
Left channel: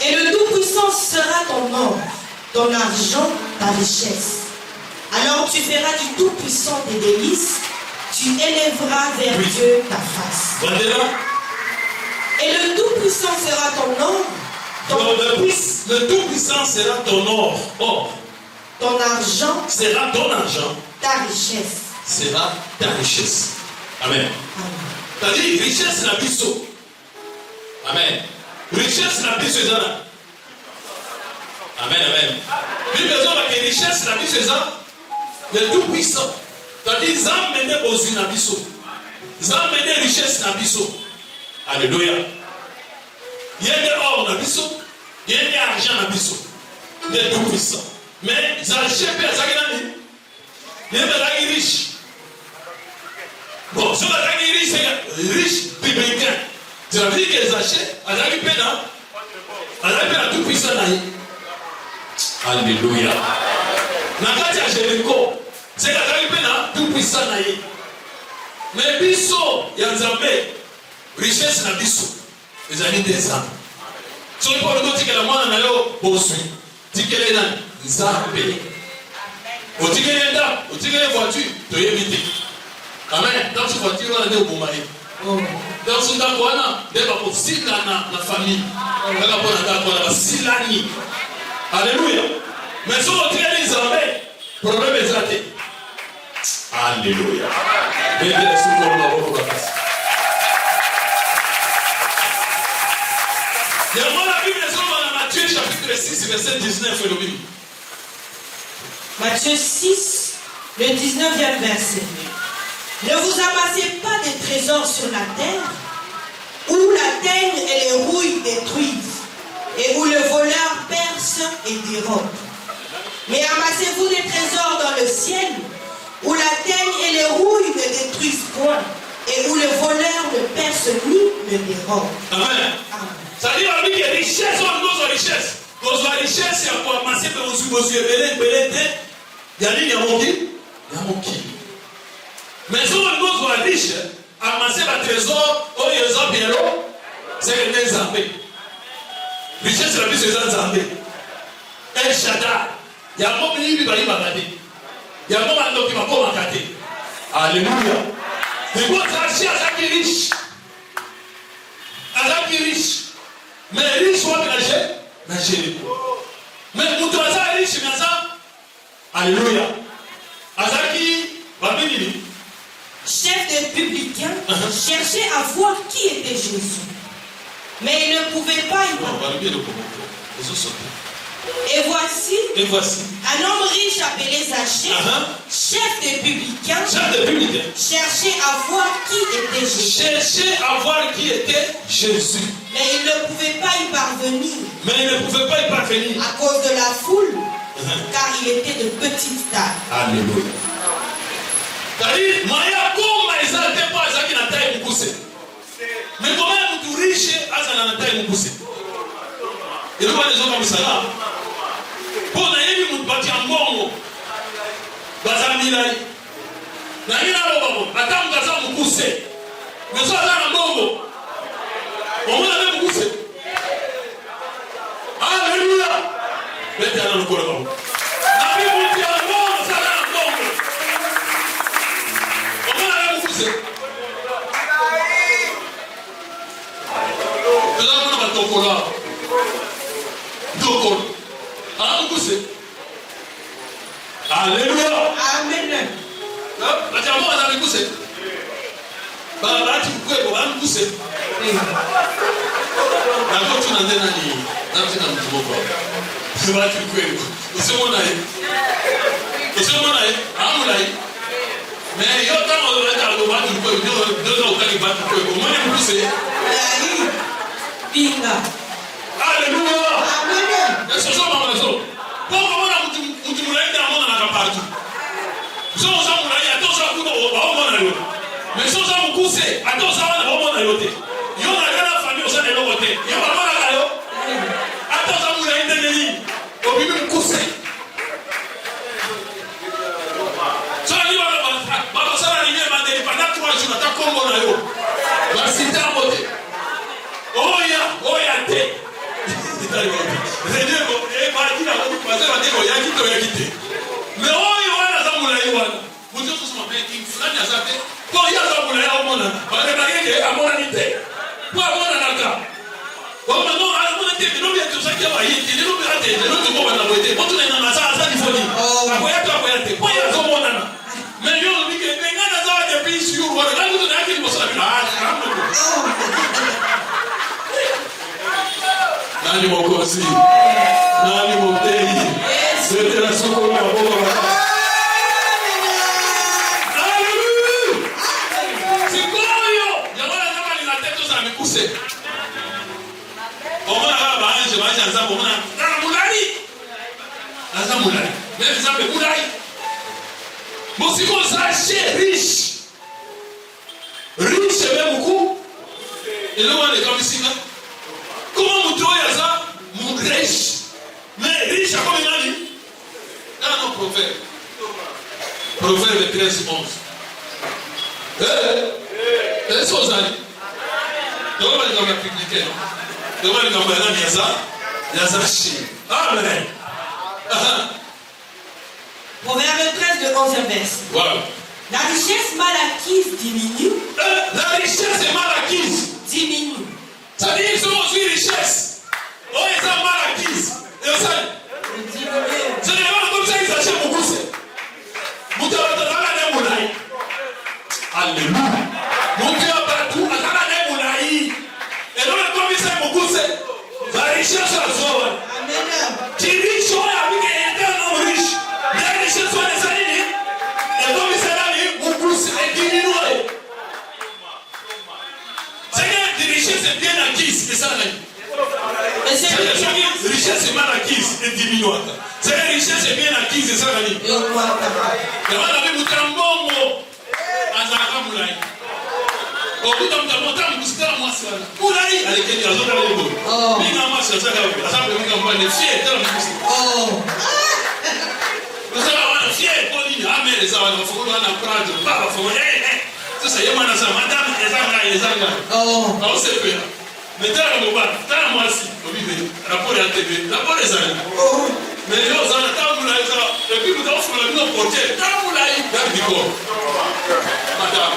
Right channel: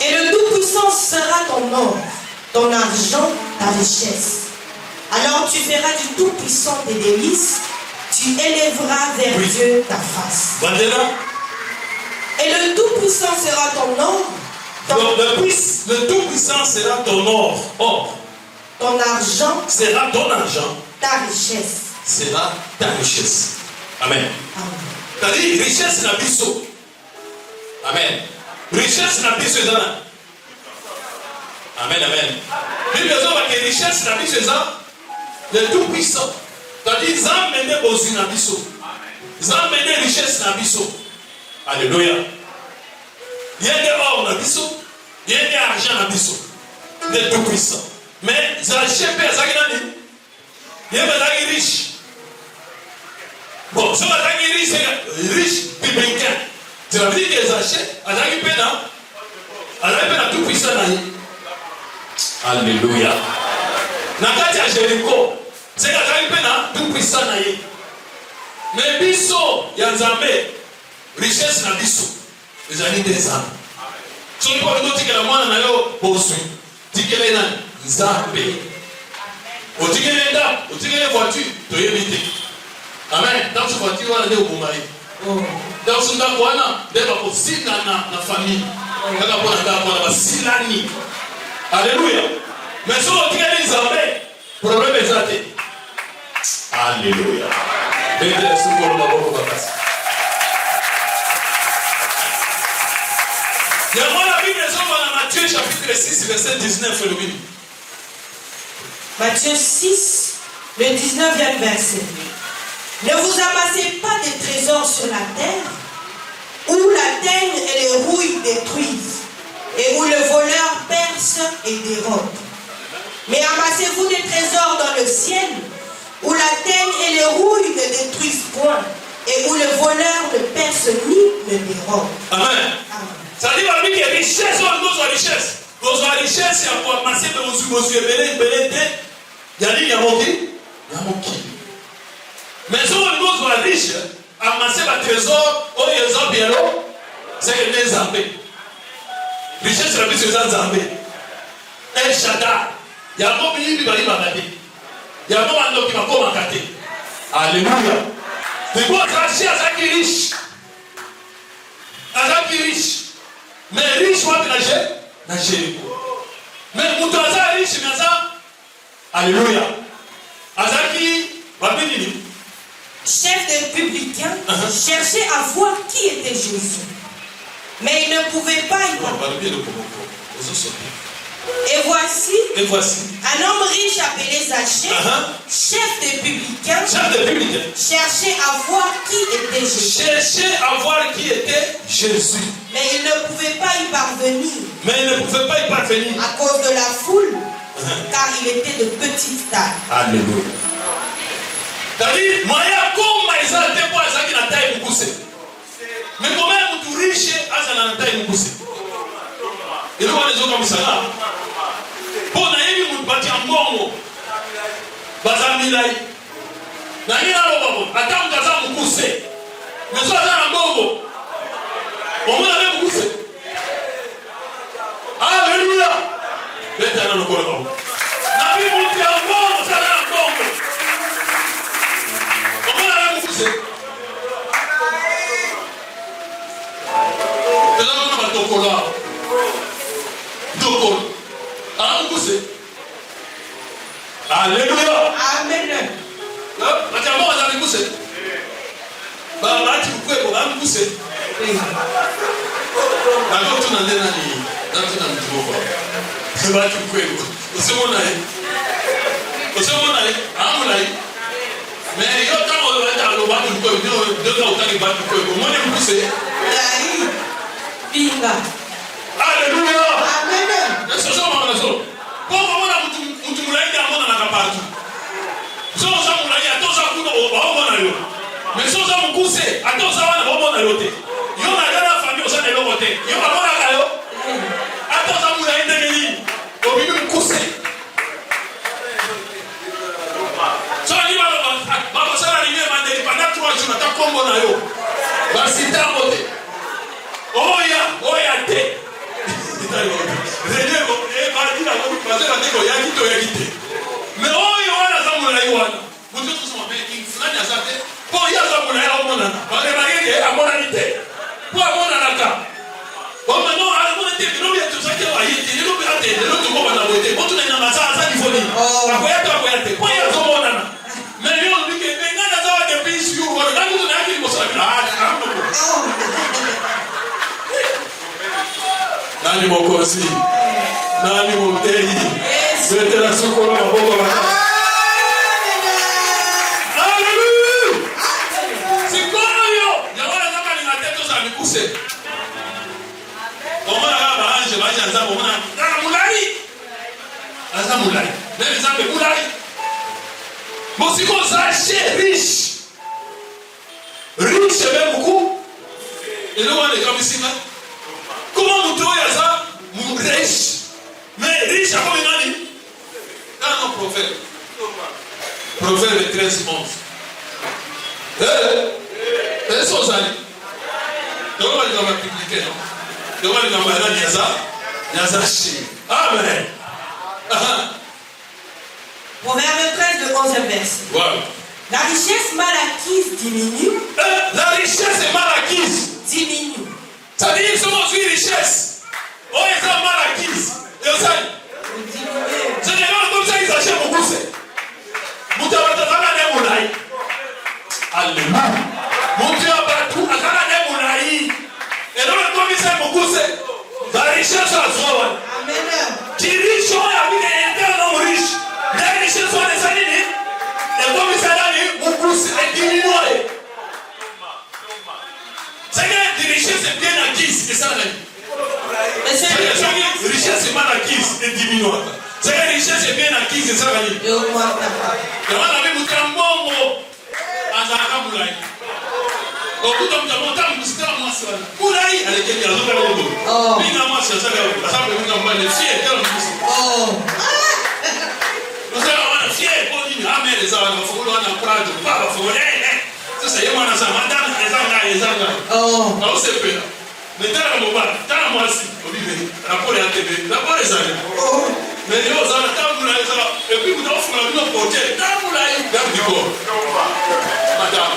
Et le Tout-Puissant sera ton or, ton argent, ta richesse. Alors tu feras du Tout-Puissant tes délices, tu élèveras vers Dieu ta face. Et le Tout-Puissant sera ton or, le Tout-Puissant sera ton or. Ton argent sera ton argent. Ta richesse. Sera ta richesse. Amen. C'est-à-dire, richesse na biso. Amen. Richesse na biso ezana. Amen, amen. Bible ezana que richesse na biso ezana le Tout-Puissant. C'est-à-dire, Zam mene bozi na biso. Zam mene richesse na biso. Alléluia. Il y a des or na biso, il y a des argent na biso. Le Tout-Puissant. Mais Zaché Père Zaginani, il y a des riches. Bon, si on a des riches publicains, tu vas dire que les achètes, elle a eu peine à tout puissant. Alléluia. Nakati à Jéricho, c'est qu'elle a eu peine à tout puissant. Mais biso, il y a Nzambé, richesse na biso, les années des âmes. Si on peut dire que la moine n'a pas posé, dit que les âmes, Nzambé. On dit que les dames, on dit que les voitures, tu es évité. Amen. Donc, tu vas dire, on est au bon mari. Donc, tu vas voir, tu vas voir si la famille. Tu vas voir si l'année. Alléluia. Mais si on crée les armées, problème est raté. Alléluia. Et moi, la Bible est dans Matthieu chapitre 6, verset 19. Matthieu 6, le 19e verset. Ne vous amassez pas des trésors sur la terre, où la teigne et les rouilles détruisent, et où le voleur perce et dérobe. Mais amassez-vous des trésors dans le ciel, où la teigne et les rouilles ne détruisent point, et où le voleur ne perce ni ne dérobe. Amen. Ça dit à lui que richesse, on cause la richesse. Cause la richesse, il y a pour amasser vos yeux, il y a dit, il y a mon qui? Il y a mon qui? Mais si on nous soit riche, amasser un trésor, on est les c'est que les Zambé. Richesse, c'est la vie de Zambé. El Shaddai. Il y a un bon milieu qui va y balader. Il y a un bon qui va pas m'accater. Alléluia. Mais quoi, Tracy, à ça qui est riche. À ça qui est riche. Mais riche, on va nager. Mais mon doigt riche, mais ça. Alléluia. À ça qui va venir. Chef des publicains cherchait à voir qui était Jésus. Mais il ne pouvait pas y voir. Et voici un homme riche appelé Zachée, chef des publicains, cherchait à voir qui était Jésus. Mais il ne pouvait pas y parvenir. À cause de la foule, car il était de petite taille. Alléluia. C'est-à-dire, Maria comme Maïsa n'était pas ça qui n'a pas été poussé. Mais quand même, tout riche, ça n'a pas été poussé. Et nous, les autres comme ça là. Pour naïe, nous battons bon. Bazamilai. Naïe, là, attends, nous avons poussé. Mais ça, là, bon. On va aller pousser. Alléluia. Maintenant, nous pouvons. La Bible dit en bon, ça là, bon. On va aller pousser. Et là, on va tomber là. Alléluia. Amen. Atiamo azali kuse. Baba ati kweko am kuse. Kako tunandena ni. Nati na mtuko. Baba ati kweko. Usimona ye. Amuna ye. Mais yo ta o le ta lo ba tu kweko. Deux ans ka ba tu kweko. Mo ne kuse. Ari. Pinga. Alléluia. Amen. Est-ce que ça va raison? Pourquoi on a mtu mlaika amona na kapatu? Sio sababu na ya toza kuna waona leo. Mais sio sababu kuse, atoza wana waona yote. Yo na gala famio sana leo wote. Yo baba kalo. Atoza muna ende nini? Obibi mkuse. Sasa ni baba sana ni mande pendant 3 jours na takombo na yo. Basi tamote. Oya te. Reneo badira bazela ndiko yakito yakite. Mais oyo wana zamula yiwana. Muzo kusoma ki fulani azabe. Po ya zamula ya omona. Bale bagenge amona nite. Po amona naka. Kwa mano amona te bilobi ya tusake wa yiti. Nilo bi ate, nilo tuko wana wete. Motu na ina masa za difoni. Akoyate. Po ya zamona na. Mais yo bike ngana za wa de pisi yu. Wala ngu na yaki mosabira. Nani mokozi, nani motei, c'était la seconde la bombe. Alléluia. C'est quoi yo? Yawala kama ni mateto za mikuse. Omona baba anje baje nzambo omona kana mulali. Nza mulali. Mais nzambe mulali. Mosiko Zachée riche. Riche même beaucoup. Et là on est comme ici là. Comment mon toit est ça? Mon riche. Mais riche à quoi il a dit? Dans nos prophètes. Prophète 13, 11. C'est ça, ça dit. Donc, on va aller dans la publique. Donc, on va aller dans la Yazashi. Amen. Proverbe 13 de 11 verset. Wow. La richesse mal acquise diminue. La richesse mal acquise diminue. Ça veut dire que c'est une richesse. Oh, ils sont mal acquises. Et vous savez, généralement, comme ça, ils achètent beaucoup. Vous devez être dans la. Alléluia. Mon Dieu, partout, à la moulaï. Et donc, le commissaire beaucoup, c'est la richesse à soi. Amen. Qui riche sont la vie éternellement riche. Les richesses sont les salines. Le commissaire a dit, beaucoup, c'est diminué. C'est que les richesses bien acquises, c'est ça la vie. Les richesses mal acquises et diminuées. C'est que les richesses bien acquises, c'est ça la vie. Et on a vu Moutambo, Azaka Moulay. Au bout d'un moment, c'est la masse. Moulay, avec les autres à l'époque. Bina masse, c'est ça la vie. Ça veut dire qu'on va les fiers, c'est la vie. Nous allons fiers pour dire, ah, mais les gens, il faut qu'on en parle, pas, il faut. Ça, c'est moi, madame, les Zanga. Alors, c'est peu. Mais dans le moment, dans moi aussi, rapport à la TV, rapport les années. Mais nous, on a et puis vous avez nos portiers. Quand vous l'avez, madame.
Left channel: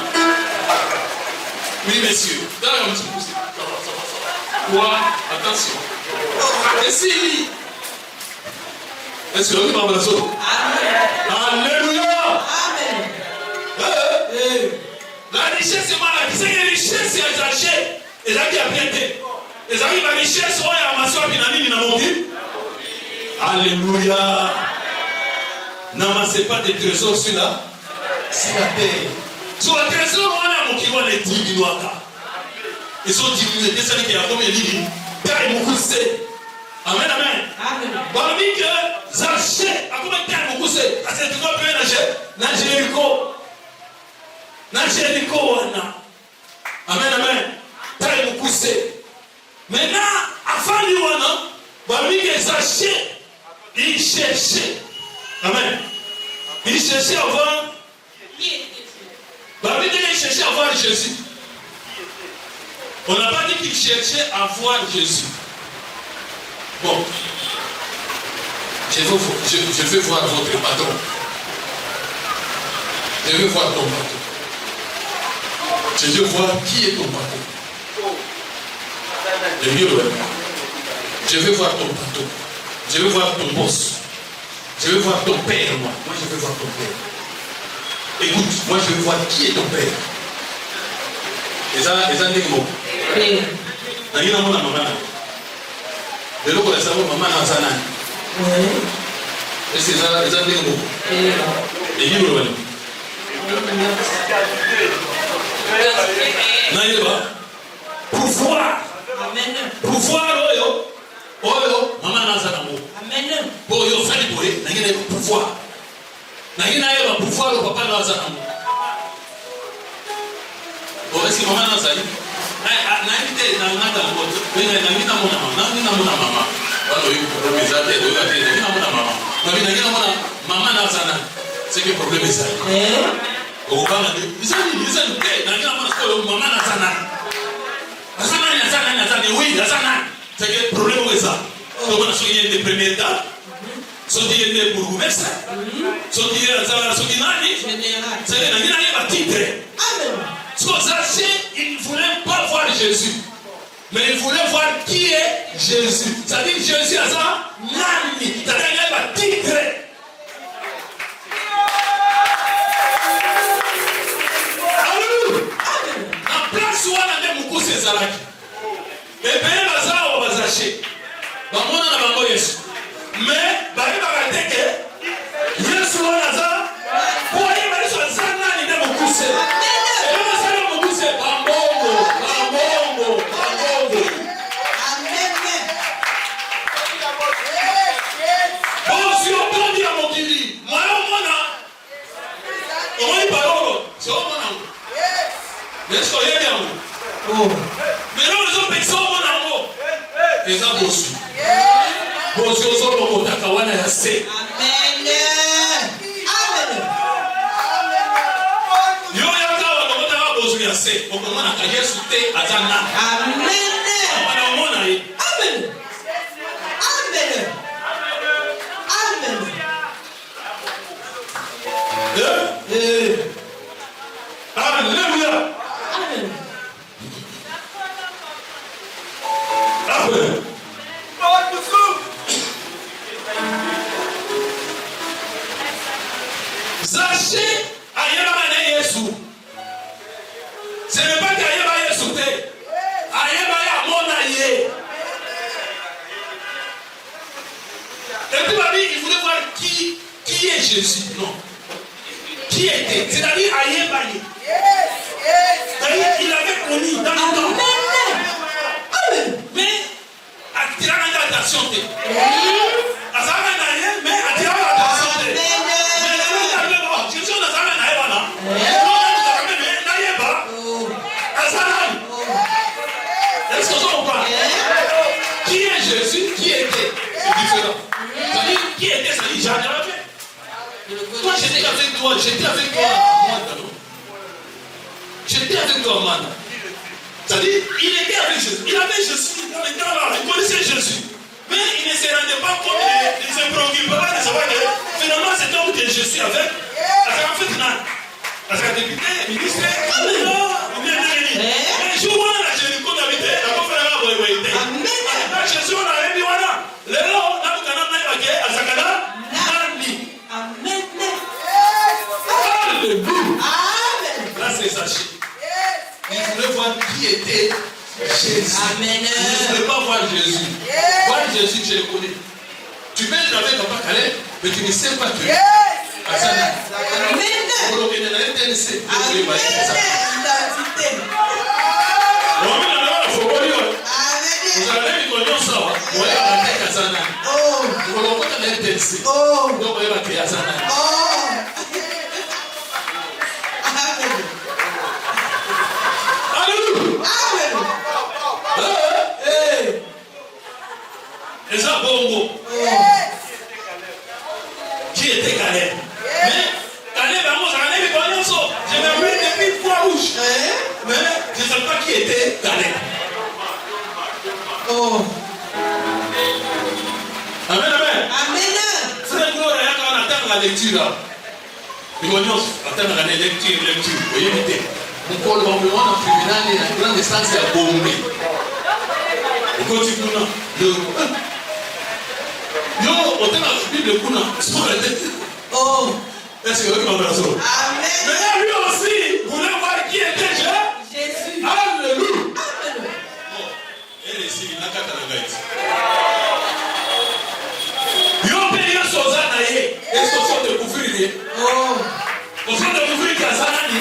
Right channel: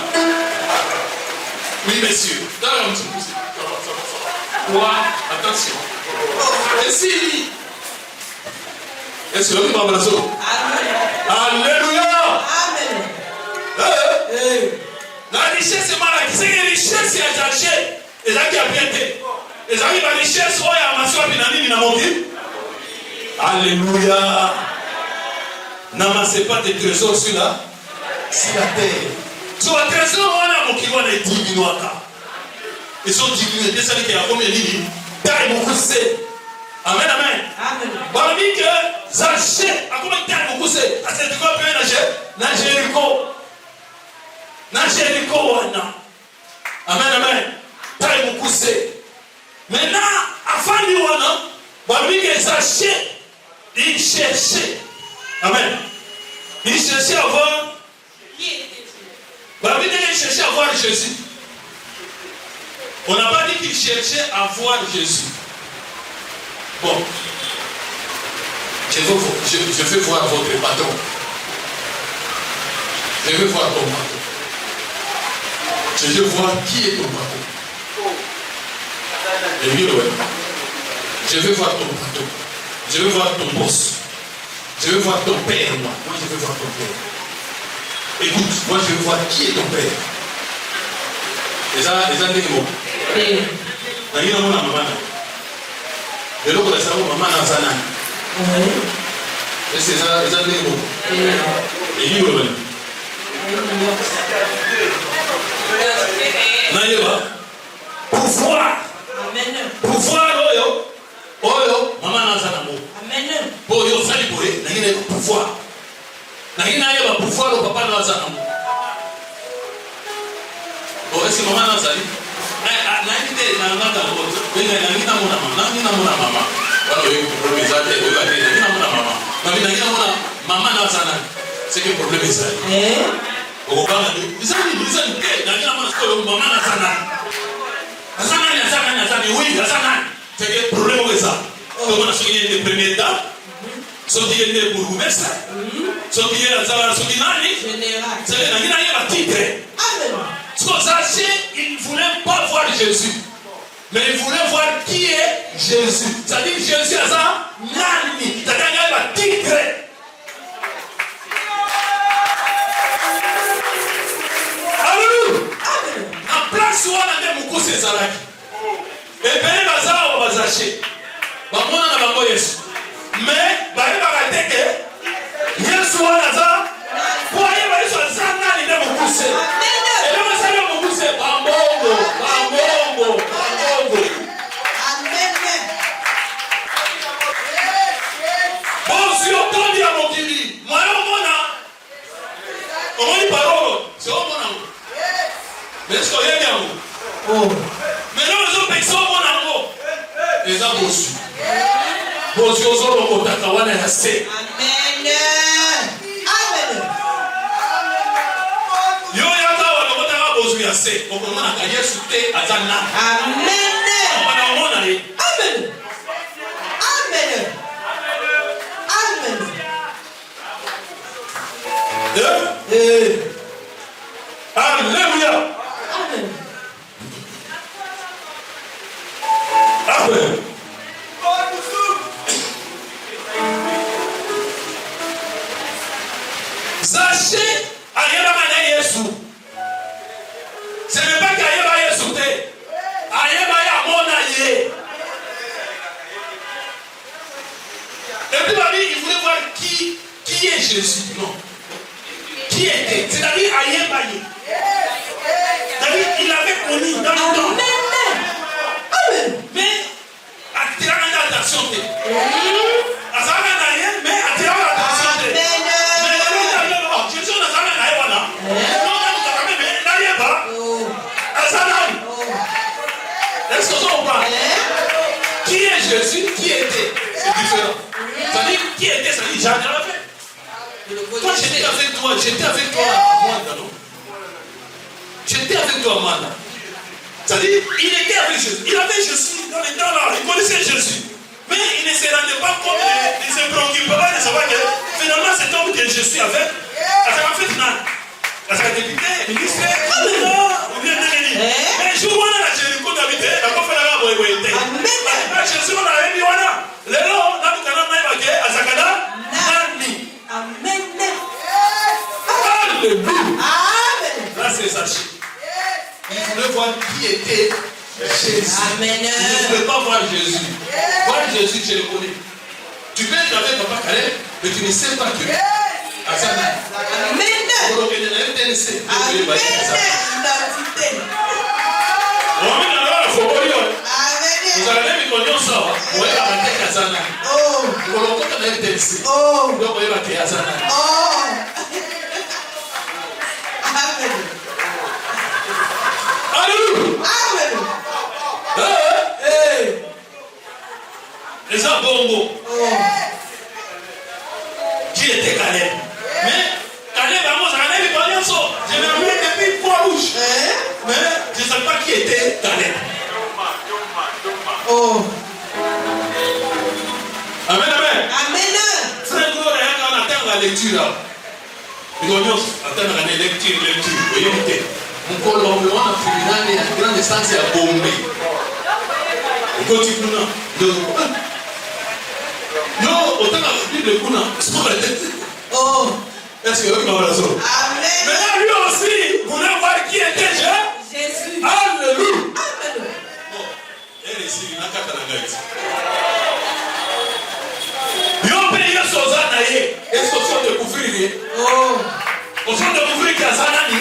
Oui, monsieur. Dans le moment, quoi? Attention. Et si. Est-ce que vous avez la chose? Alléluia. Amen. La richesse, c'est malade. C'est une richesse qui est achetée. Et là, qui a bien été. Et là, il va richesse. Oh, il y a ma soeur qui n'a mis dans mon vie. Alléluia. N'amassez pas des trésors sur la terre. Sur la trésor, on a mon qui va les diminuer. Ils sont diminués. Qu'est-ce qu'il y a comme il dit? Taille mon poussé. Amen, amen. Parmi que Zaché, à comment taille mon poussé? À cette fois, bien na Jéricho. Na Jéricho, amen, amen. Taille mon poussé. Maintenant, avant lui, parmi que Zaché, il cherchait. Amen. Il cherchait à voir. Parmi que il cherchait à voir Jésus. On n'a pas dit qu'il cherchait à voir Jésus. Bon. Je veux voir votre patron. Je veux voir ton patron. Je veux voir qui est ton patron. Le mieux, je veux voir ton patron. Je veux voir ton boss. Je veux voir ton père, moi. Moi, je veux voir ton père. Écoute, moi, je veux voir qui est ton père. Et ça, n'est mot. Il y a un maman. Et l'autre, c'est un maman dans sa langue. Et c'est ça, n'est mot. Et il y a pouvoir. Pouvoir, maman dans sa langue. Amen. Bon, il y a un pouvoir. Il y a un pouvoir au papa dans sa langue. Bon, est-ce que maman dans sa langue? C'est que le problème est ça. Au bas, ils c'est que le problème est ça. On a signé les premiers étapes. Ceux qui étaient pour vous, ceux qui étaient à la Sokinani, c'est que la vie n'a pas quitté. Il ne voulait pas voir Jésus, mais il voulait voir qui est Jésus. C'est-à-dire que Jésus a ça, nani, c'est-à-dire qu'il va titrer. Alléluia. La place où on a des beaucoup c'est ça là. Et bien, on va s'acheter. On a Yesu. Mais, on va dire que Yesu a ça. Pour aller sur le sang, il y a beaucoup c'est. Mais non, les autres personnes vont en haut. Les gens reçus. Bon, si vous avez mon tataouane, elle a assez. Amen. Amen. Yo, yaka, on va t'avoir besoin de assez. On commence à gagner sur tes attendants. Amen. Amen. Amen. Amen. Alléluia. Amen. Amen. Sachez, Ayeba Yesu. Ce n'est pas qu'Ayeba Yesu. Ayeba Yamonaye. Et puis, il voulait voir qui est Jésus. Non. Qui était. C'est-à-dire Ayeba. C'est-à-dire qu'il avait connu dans le temps. Mais, attirant l'attention. Mais attirant l'attention. Jésus n'a pas là. Est-ce que vous comprenez? Qui est Jésus? Qui était? C'est différent. Ça dit qui était, ça dit jamais fait. Toi, j'étais avec toi. J'étais avec toi. J'étais avec toi, Amanda. C'est-à-dire, il était avec Jésus. Il avait Jésus dans les temps là. Il connaissait Jésus. Mais il ne se rendait pas compte. Il ne se préoccupait pas de savoir que finalement cet homme que je suis avec, parce qu'à député, il dit mais je vois là, j'ai le coup d'habiter, la pauvre là, oui. Jésus, on avait mis voilà. Les gens, là, nous allons même à Zakada, Nani. Amen. Alléluia. Là, c'est Sachi. Il voulait voir qui était Jésus. Amen. Il ne voulait pas voir Jésus. Voir Jésus, tu le connais. Tu peux être avec Papa Calais, mais tu ne sais pas que. Amen. Les abongos. Qui était Calais? Mais Calais, vraiment, Calais, il connaît ça. Je l'ai vu depuis 3 bouches. Mais je ne sais pas qui était Calais. Oh. Amen. Frère, on attend la lecture là. Il va attendre la lecture. On peut l'envoyer en tribunal et la grande instance à Bombay. On continue là. Yo, autant la Bible le coup là. oh. Est-ce que vous m'avez Amen. mais là, lui aussi, vous voulez voir qui était Jésus. Alléluia. Amen. Elle est ici, il n'a qu'à t'en yo paye un sosa d'ailleurs. Est-ce qu'on sort de couvrir? Oh. On sort de couvrir qui a Zanani.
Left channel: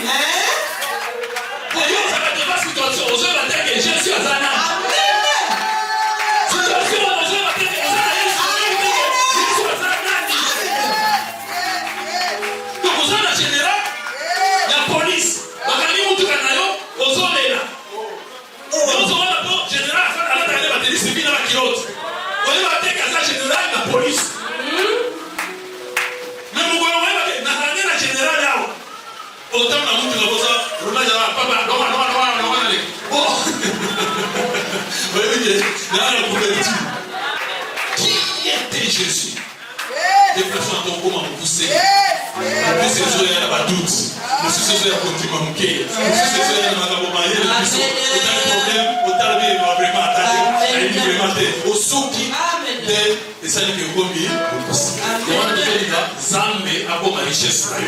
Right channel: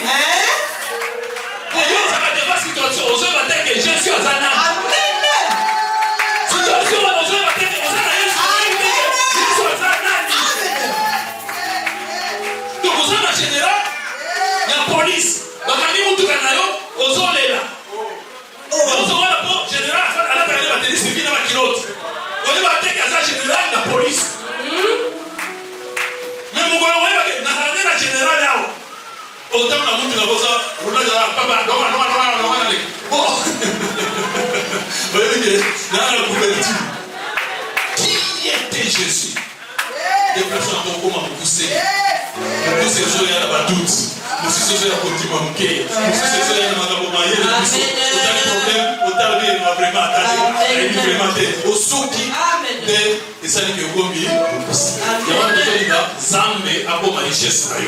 Pour yo, ça va te faire situation. On se va dire que je suis à Zanani. Amen. Situation, on se va dire que je suis à Zanani. Donc, on sort en général, il y a police. Donc, quand on est là, on sort là. On sort là pour général, on a la batterie, c'est qui là qui l'autre. On va dire que c'est général, la police. Mais vous voyez, la générale là, autant la montre de la cosa, on a papa, non. Bon, voyez, là, la couverture. Qui était Jésus? Des personnes qui ont comment pousser. Nous ces jours, il y a pas doute. Nous ces jours, il y a pas de manquer. Nous ces jours, il y a pas de moyen. Autant de problèmes, autant de vraiment attaché. Il y a vraiment au souki. Et ça n'est que vous mieux. Il y a un qui dit Zamé a beaucoup de richesse. Amen.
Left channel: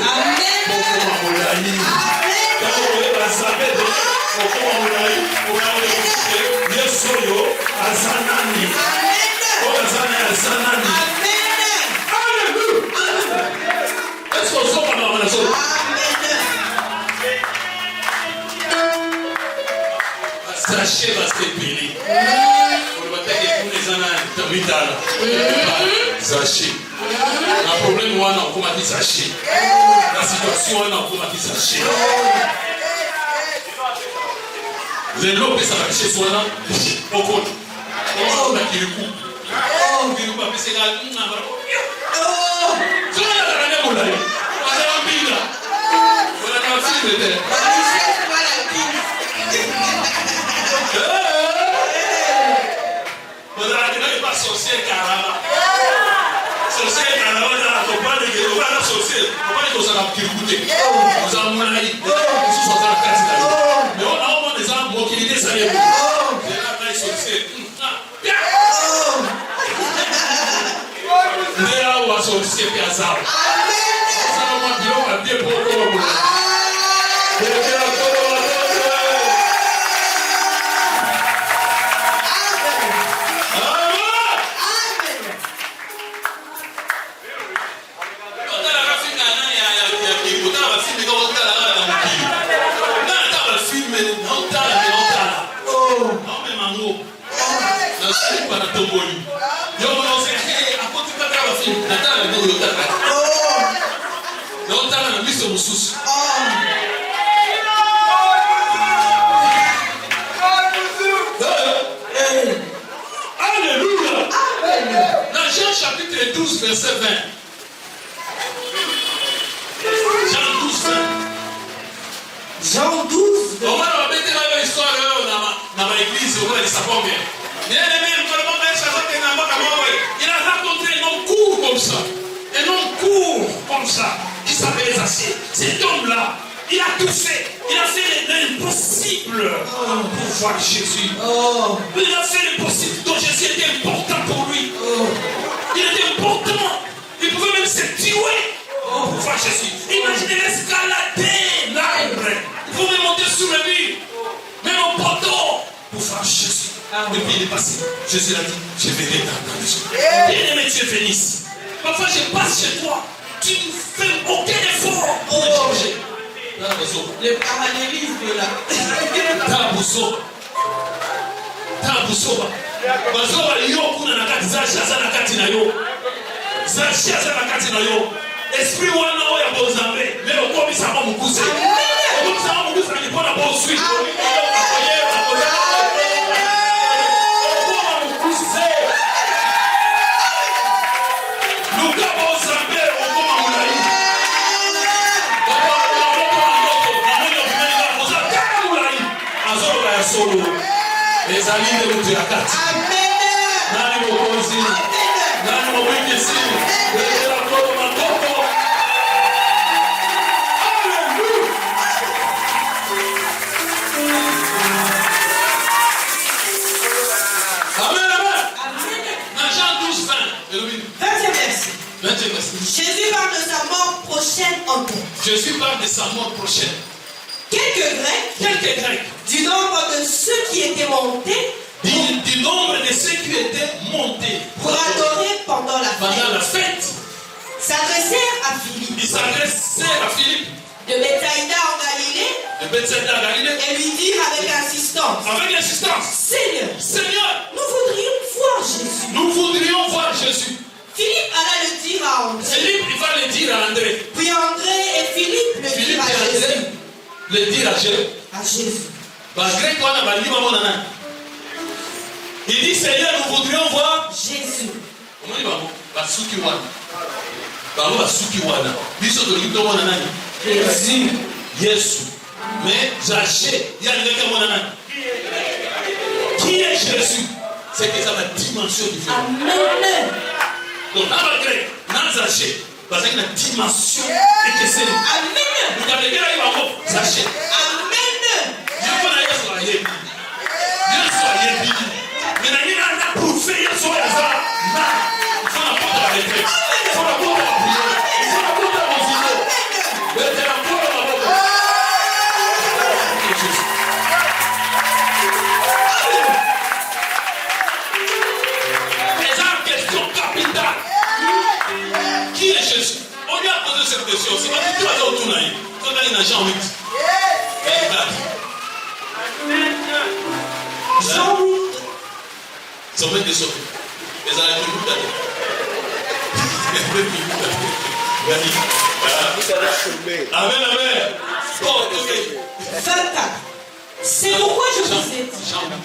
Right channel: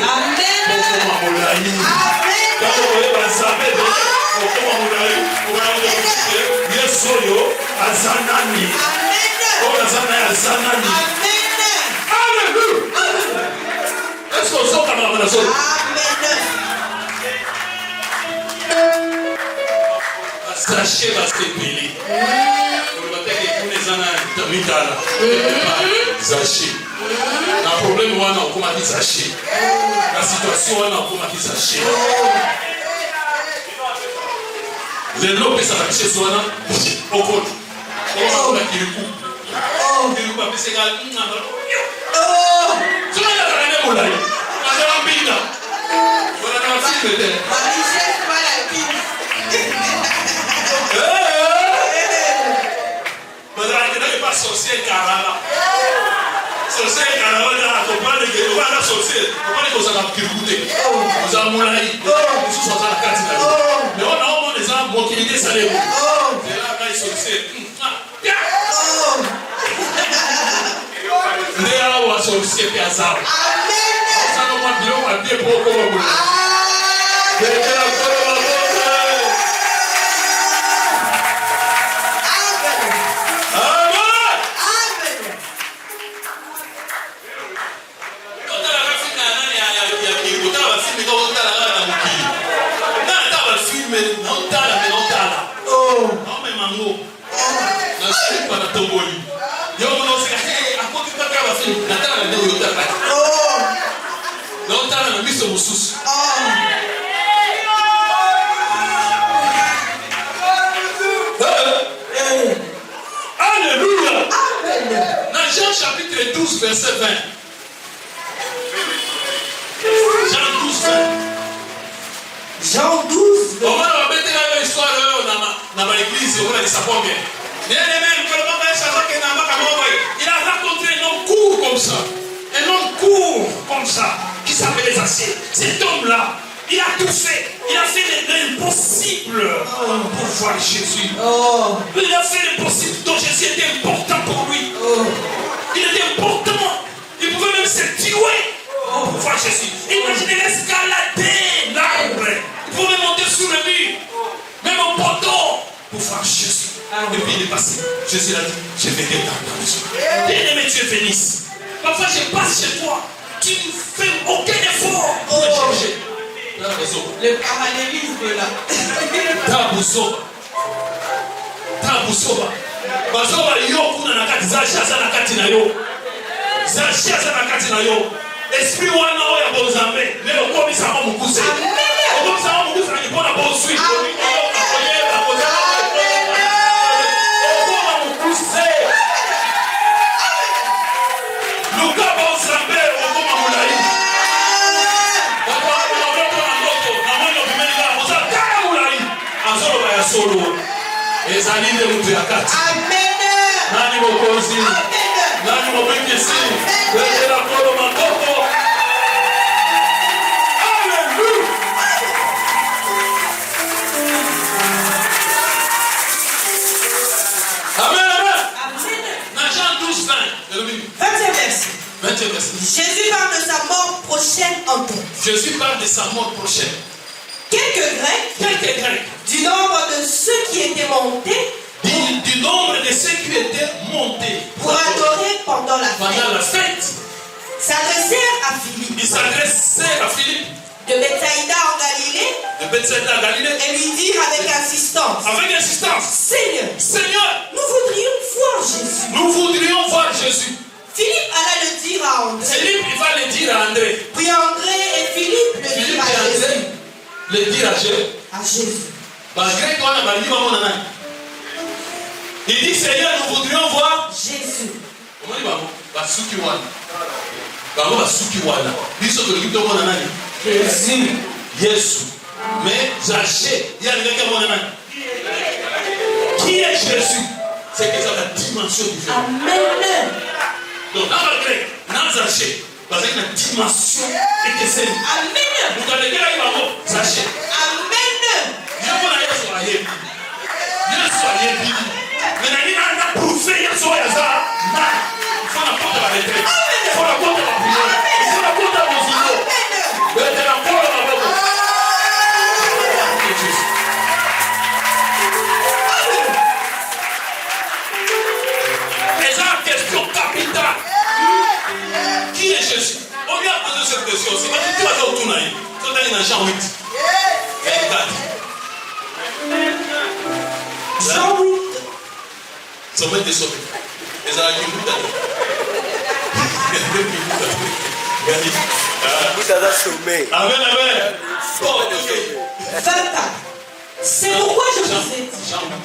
Est-ce qu'on sort comme la zone? Sachez va se payer. Pour le bataille des Zaché. Le problème, on a comment dire Zaché. La situation, on a comment dire Zaché. Les lots que ça va chez soi, on compte. On va dire le coup. Le coup, c'est la ligne. Tu vas la ramener au laïc. On va faire un bille là. On va faire un film de sorcier carala. Sorcier carala, on a accompagné que on va la sorcier. On va dire que ça va kirkouter. Vous avez mon avis. Vous sont à la classe là. Mais on a au moins des gens motivés ça les. Et là les sorciers. Mais là on va sorcier piazza. Amen. Ça on va dire on va bien pour vous. Alléluia. Dans Jean chapitre 12, verset 20. Jean 12, 20. Jean 12, 20. On va mettre dans l'histoire, on a dans l'église, on a dit ça pour bien. Il a rencontré un homme court comme ça. Un homme court comme ça, qui s'appelait Zaché. Cet homme-là, il a tout fait. Il a fait l'impossible pour voir Jésus. Il a fait l'impossible dont Jésus était important pour lui. Il était important. Il pouvait même se tuer pour voir Jésus. Imaginez escalader l'arbre. Il pouvait monter sur le mur. Même au poteau pour voir Jésus. Et puis il est passé. Jésus a dit, je vais t'attendre. Bien-aimé, tu es béni. Parfois je passe chez toi. Tu ne fais aucun effort pour changer. Le parallélisme là. Tabusoba. Bazoba yo kuna na kati za shasa na kati na yo. Za shasa na kati na yo. Esprit wana oya bozambe. Leo kwa bisama mukuse. Kwa bisama mukuse ni pona bo sweet. ezali nde mutu ya kati nani mokonzi nani mobikisi ezela kolo makoko alleluya amen amen na Jean 12:20 Jésus parle de sa mort prochaine en tête. Jésus parle de sa mort prochaine. Quelques Grecs, du nombre de ceux qui étaient montés, du nombre de ceux qui étaient montés pour adorer pendant la fête, s'adressèrent à Philippe. Ils s'adressaient à Philippe de Bethsaïda en Galilée, et lui dirent avec insistance, Seigneur, nous voudrions voir Jésus. Philippe alla le dire à André. Philippe, il va le dire à André. Puis André et Philippe le dirent à Jésus. Le dire à Jésus. Parce que toi, il dit, Seigneur, nous voudrions voir Jésus. Comment il va? Jésus. Jésus. Mais Zaché, il y a quelqu'un qui est Jésus? C'est que ça a la dimension différente. Amen. Donc, dans le grec, dans Zaché, parce qu'il y a une dimension et que c'est. Amen. Vous avez dit là, il va mort. Zaché. Amen. Dieu pour la Dieu soit Yébi. Mais la vie n'a pas prouvé, il soit là. Il faut la porte à la retraite. Il faut la porte à la prière. Il faut la porte à la musique. Il faut la porte à la porte. Les gens, question capitale. Qui est Jésus? On lui a posé cette question. Sur la vie, toi, tu m'as dit. Tu as dit dans Jean 8. Jean 8. Sommet des sautés. Les amis, vous avez. Amen, amen. 24. C'est pourquoi je vous ai dit. Jean 24.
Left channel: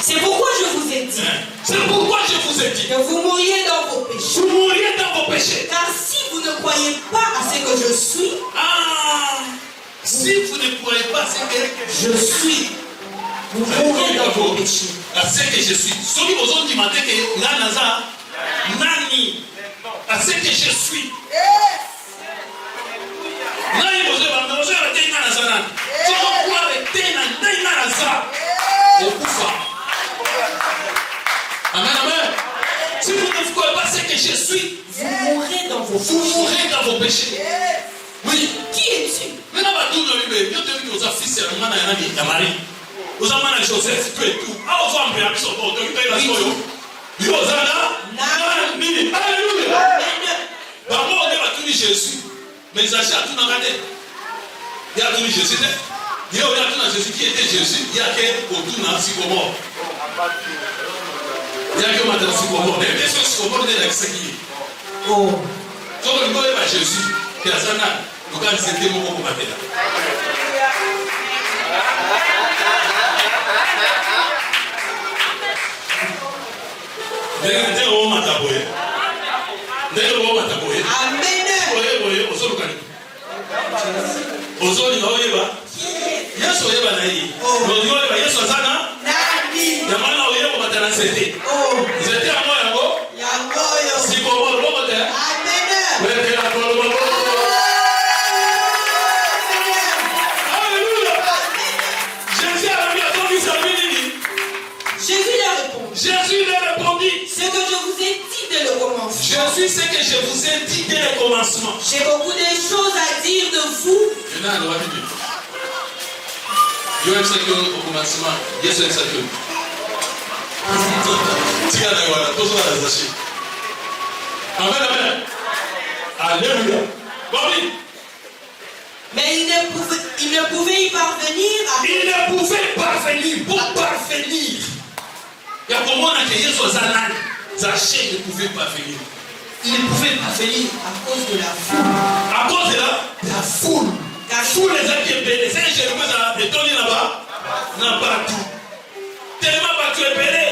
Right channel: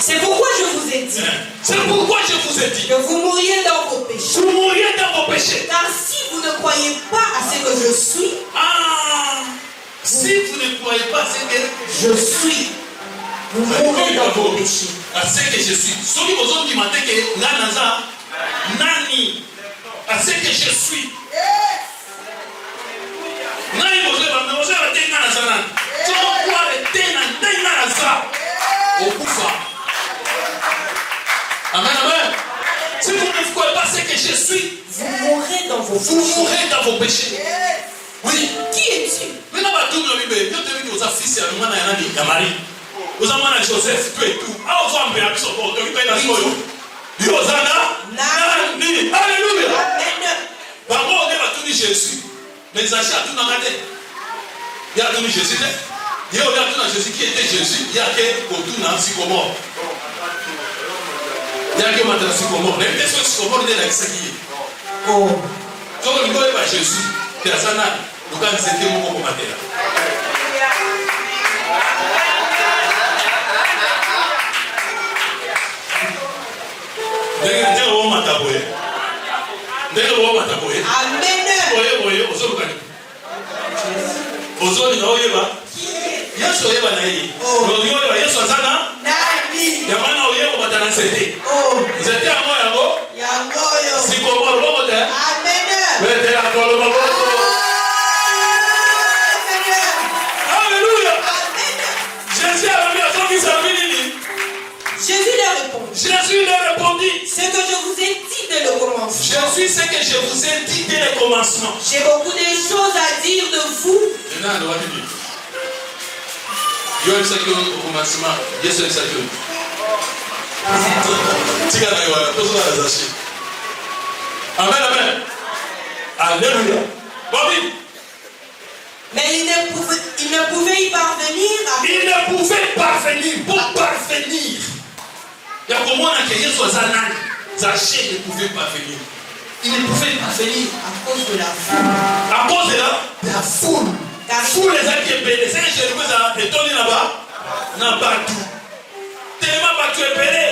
C'est pourquoi je vous ai dit. C'est pourquoi je vous ai dit. Que vous mouriez dans vos péchés. Vous mouriez dans vos péchés. Car si vous ne croyez pas à ce que je suis. Si vous ne croyez pas à ce que je suis, vous mourrez dans vos péchés. À ce que je suis. Celui aux autres qui m'a dit que Nanaza, Nani, à ce que je suis. Nani, vous avez dit Nanaza. Tu dois croire et Nanaza. Au Koufa. Amen, amen. Si vous ne croyez pas à ce que je suis, vous mourrez dans vos péchés. Vous mourrez dans vos péchés. Oui. Qui es-tu? Maintenant, on va tout le monde. Dieu te dit aux fils et à Marie. Aux amants de Joseph, tout et tout. Ah, aux hommes, mais à son corps, tu payes la soyo. Yosana, Nani. Alléluia. D'abord, on a tout Jésus. Mais ça a tout dans la tête. Il y a tout Jésus. Il y a tout dans Jésus qui était Jésus. Il y a que tout dans Sycomore. Il y a que maintenant Sycomore. Mais qu'est-ce que Sycomore est avec ce qui est? Oh. Donc, on va à Jésus. Que la sana, nous allons dire que nous allons mater. Amen. Jésus leur répondit. Ce que je vous ai dit dès le commencement. Je suis ce que je vous ai dit dès le commencement. J'ai beaucoup de choses à dire de vous. Amen, amen. Alléluia. Mais il ne pouvait y parvenir. Il ne pouvait parvenir. Pour parvenir. Il y a comment on a créé ce zanal. Zaché ne pouvait pas venir. Il ne pouvait pas venir À cause de la foule. à cause de la foule. La foule les a qui est belle. C'est un chef qui a bétonné là-bas. N'a pas tout. Tellement battu et belé.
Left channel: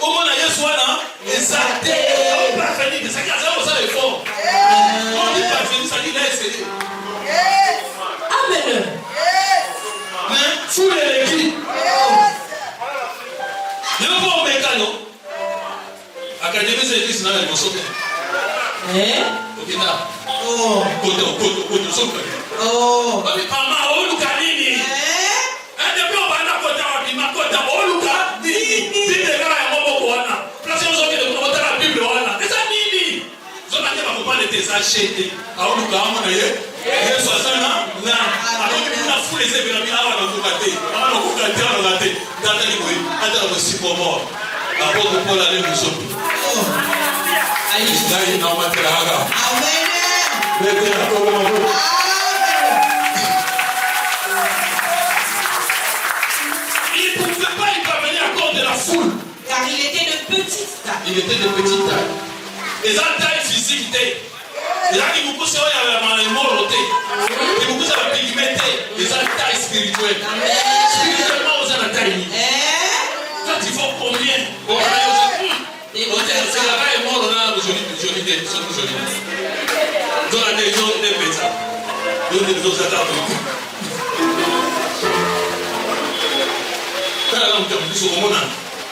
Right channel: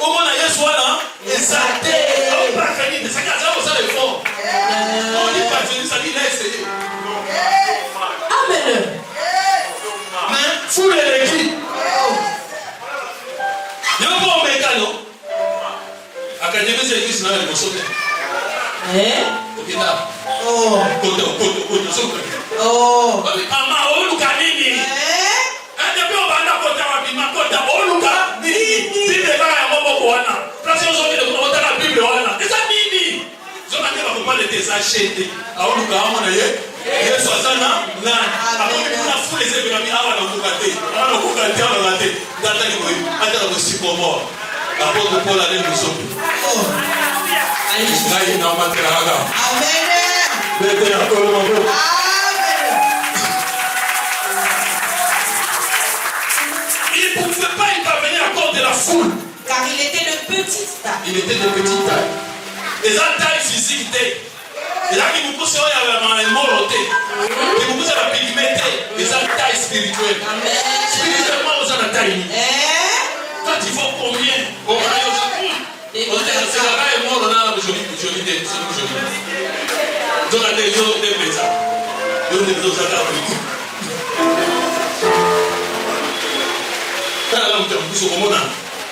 Au moins, il y a soit là. Et ça t'est pas venir. Mais ça qui a déjà besoin de fort. On dit pas venir, ça dit là, c'est. Amen. Mais foule les vies. Il n'y a pas un mécano. Académie de l'église, là, il me sauve. Ok, là. Oh. Côté, sauve. Oh. Maman, on nous canine. Un des plus on va côté, on nous canine. Bible là, il y a beaucoup de gens. Place aux autres, on va la Bible là. C'est ça, nini. Ils ont dit, on va pas les acheter. Alors, nous avons dit, il y a 60 ans. Alors, nous avons fou les événements. On va nous gâter. On va nous gâter. On va nous gâter. Attends, aussi pour moi. Apôtre Paul a dit nous autres. Là, il n'a pas de raga. Amen. Il ne pouvait pas y parvenir à cause de la foule. Car il était de petite taille. Il était de petite taille. Les tailles physiques. Les gens qui vous poussent à la moralité. Qui vous poussent à la pigmenter. Les tailles spirituelles. Spirituellement, vous avez la taille. Toi, tu vaux combien? C'est la taille mort là aujourd'hui. Donc, les gens qui aiment ça. Donc, les autres adaptés.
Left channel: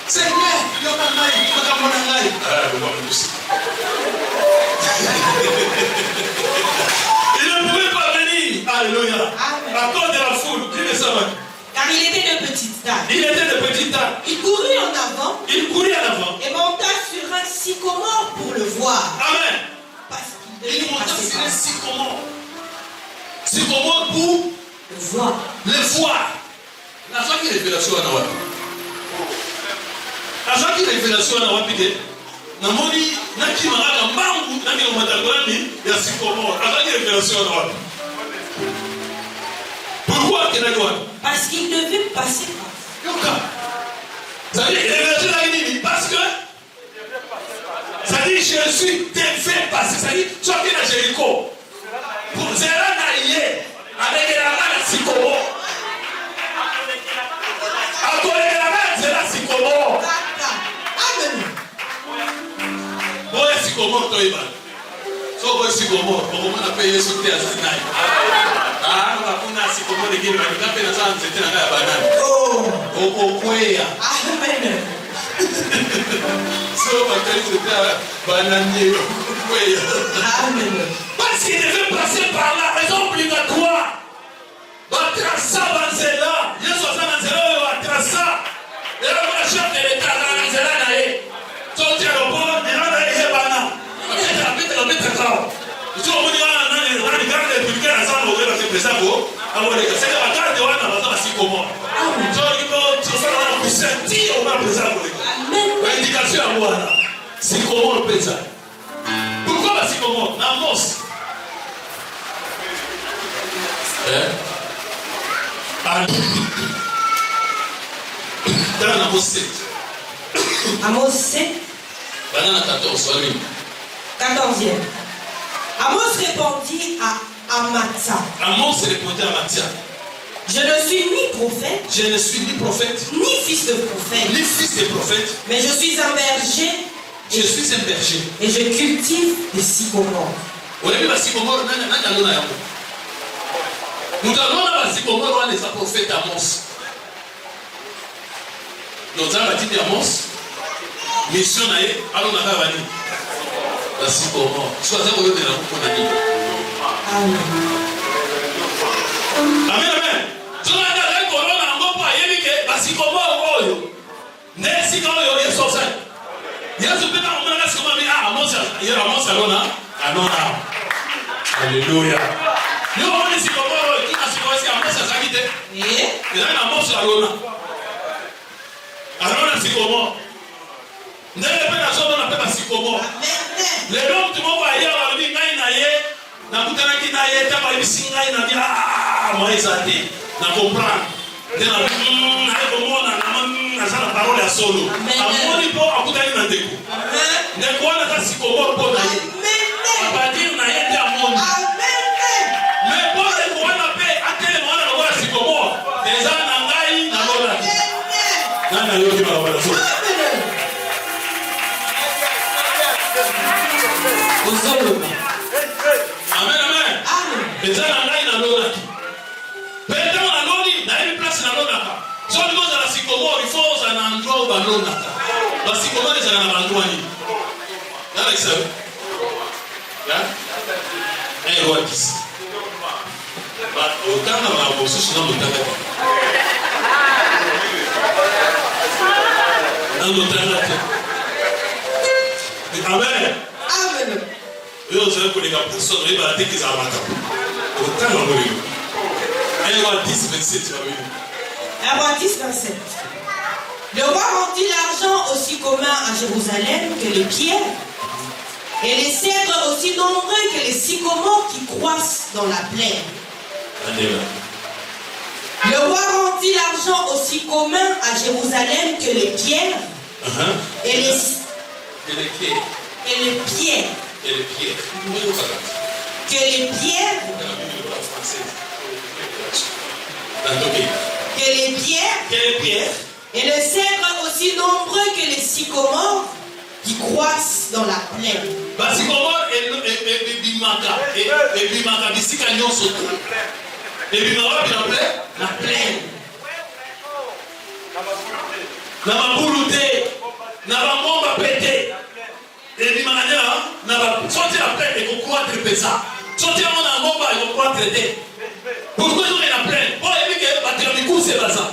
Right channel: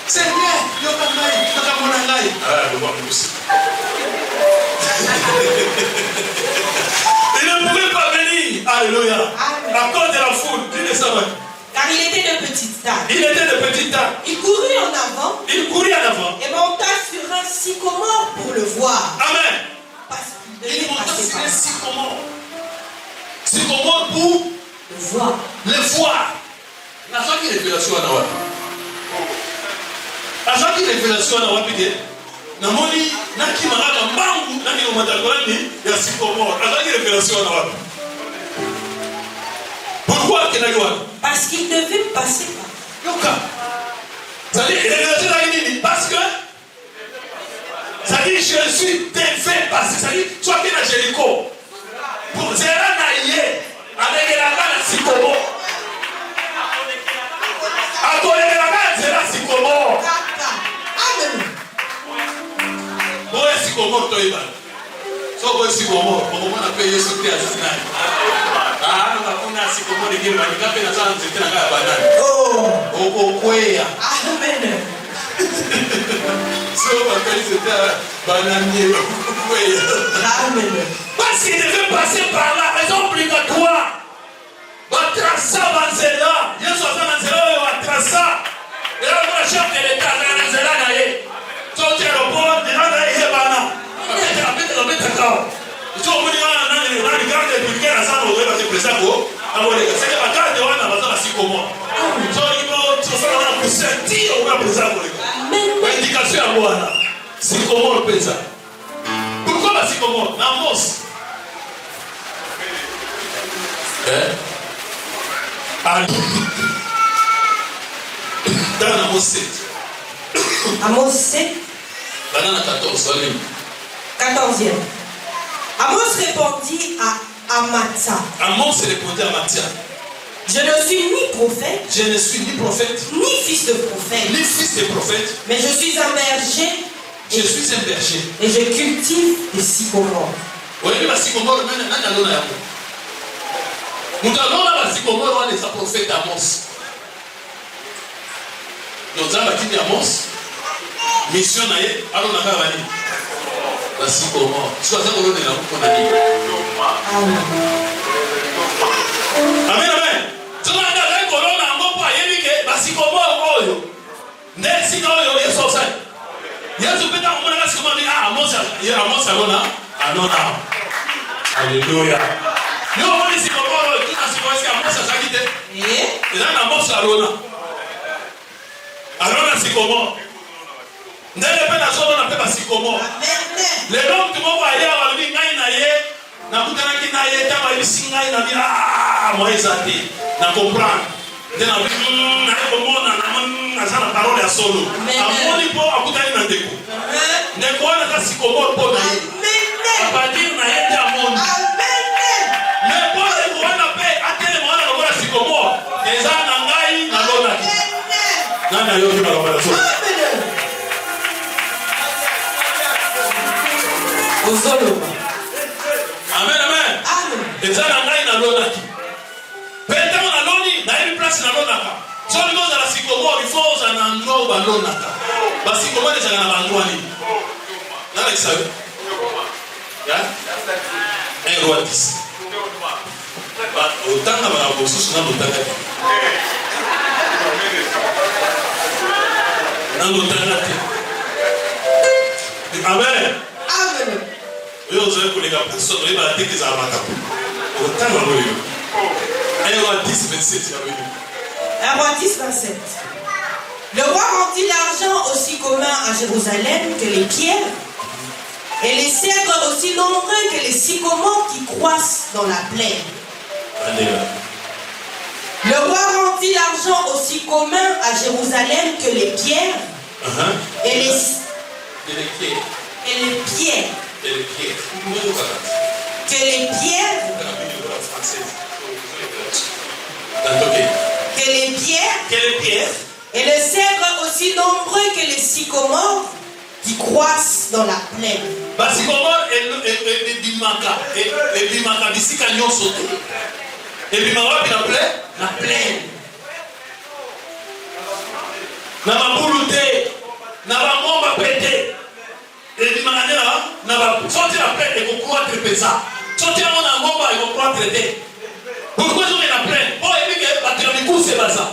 C'est bien, il y a pas de il ne pouvait pas venir. Alléluia. À cause de la foule. Dis ça. Car il était de petite taille. Il était de petite taille. Il courut en avant. Il courait en avant. Et monta sur un sycomore pour le voir. Amen. Parce qu'il Il devait monta passer sur par un là. sycomore. Sycomore pour Le voir. le voir. L'argent qui révélation à Nawa. L'argent qui révélation à Nawa. Namoni, Naki Maraka Mambu, Nami Omatakwani, et à sycomore. L'argent qui révélation à Nawa. Pourquoi qu'il a eu? Parce qu'il devait passer par Yoka. Ça dit, révélation à Nini. Parce que. Ça dit, Jésus devait passer. Ça dit, tu as bien à Jéricho. Pour Zéra Naïe, avec la main à sycomore. À côté de la main, c'est la sycomore. Amen. Boy, sycomore, toi, Ivan. So, boy, sycomore. Pour moi, on a payé ce qui est à Sinaï. Ah, nous avons un sycomore de Guinée, mais nous avons fait la chance de faire la banane. Oh. Au Kouéa. Amen. So, on a fait la bananier. Amen. Parce qu'il devait passer par la raison obligatoire. Batrasa Banzela. Il y a 60 Banzela, il y a Batrasa. Et là, on a chef de l'État, Banzela, naïe. Sorti à l'opposé, il y a un Bana. Il y a un bête à cao. Ils sont venus à la garde de Bulgaire à San José, parce que le président, c'est que la garde de Wana, on va comment. Donc, il faut sentir au moins président. L'indication à Wana. C'est comment le président. Pourquoi la sycomore? Namos. Dans Amos 7. Amos 7. Banana 14, allez. 14e. Amos répondit à Amatsa. Amos répondit à Mathia. Je ne suis ni prophète, Je ne suis ni prophète, ni fils de prophète, ni fils de prophète. mais je suis un berger Je suis un berger. et je cultive des sycomores. Oui, mais la sycomore, non, non, non. Nous avons la sycomore, on est un prophète Amos. Nous avons dit Amos. Mission naïe, alors on a pas vanné. La sycomore. Soit ça, on a dit. Amen. Amen, amen. sycomore oyo. Next oyo Yesu osali. Yesu peta kumona sycomore Amos alona. Anona. Alléluia. Nous on dit sycomore tout na sycomore c'est Amos asaki te. Et là Amos alona. Alona sycomore. Ndele peta soto na peta sycomore. Le long tu m'as parlé à la vie ngai na ye. Na kutana kina ye ta ba ibisinga ina bi moi ezati. Na comprendre. Na komona na sana parole ya solo. Amoni po akutani na ndeko. Ndeko na kasi komoro po na ye. Apadir na ye ta amoni. Mais po ndeko wana pe atele mwana na wala sikomoro. Eza na ngai na lona. Nana yo ni barabara so. Amen, amen. Eza na ngai na lona. Pete na loni na une place na lona. So le monde la sycomore il faut un endroit ba lona. Ba sycomore c'est na endroit ni. Y'a qui savait? Ya? Un roi 10. Ba autant na ba bosso sur na mutaka. Na mutaka. Amen. Amen. Yo je connais la personne il va dire que ça va pas. Autant na moi. Un roi 10 27. Un roi 10, 27. Le roi rendit l'argent aussi commun à Jérusalem que les pierres, et les cèdres aussi nombreux que les sycomores qui croissent dans la plaine. Alléluia. Le roi rendit l'argent aussi commun à Jérusalem que les pierres, et les pierres. Et les cèdres aussi nombreux que les sycomores qui croissent dans la plaine. Bah, sycomore et bimaka. Et bimaka, d'ici quand ils sont et bimaka, la plaine. Na mabulute, na bamomba pété. Et bimaka, na ba sortir la plaine et qu'on croître pesa. Sortir mon momba et qu'on croître pété. Pourquoi nous la plaine? Bon, et puis que battre les coups c'est pas ça.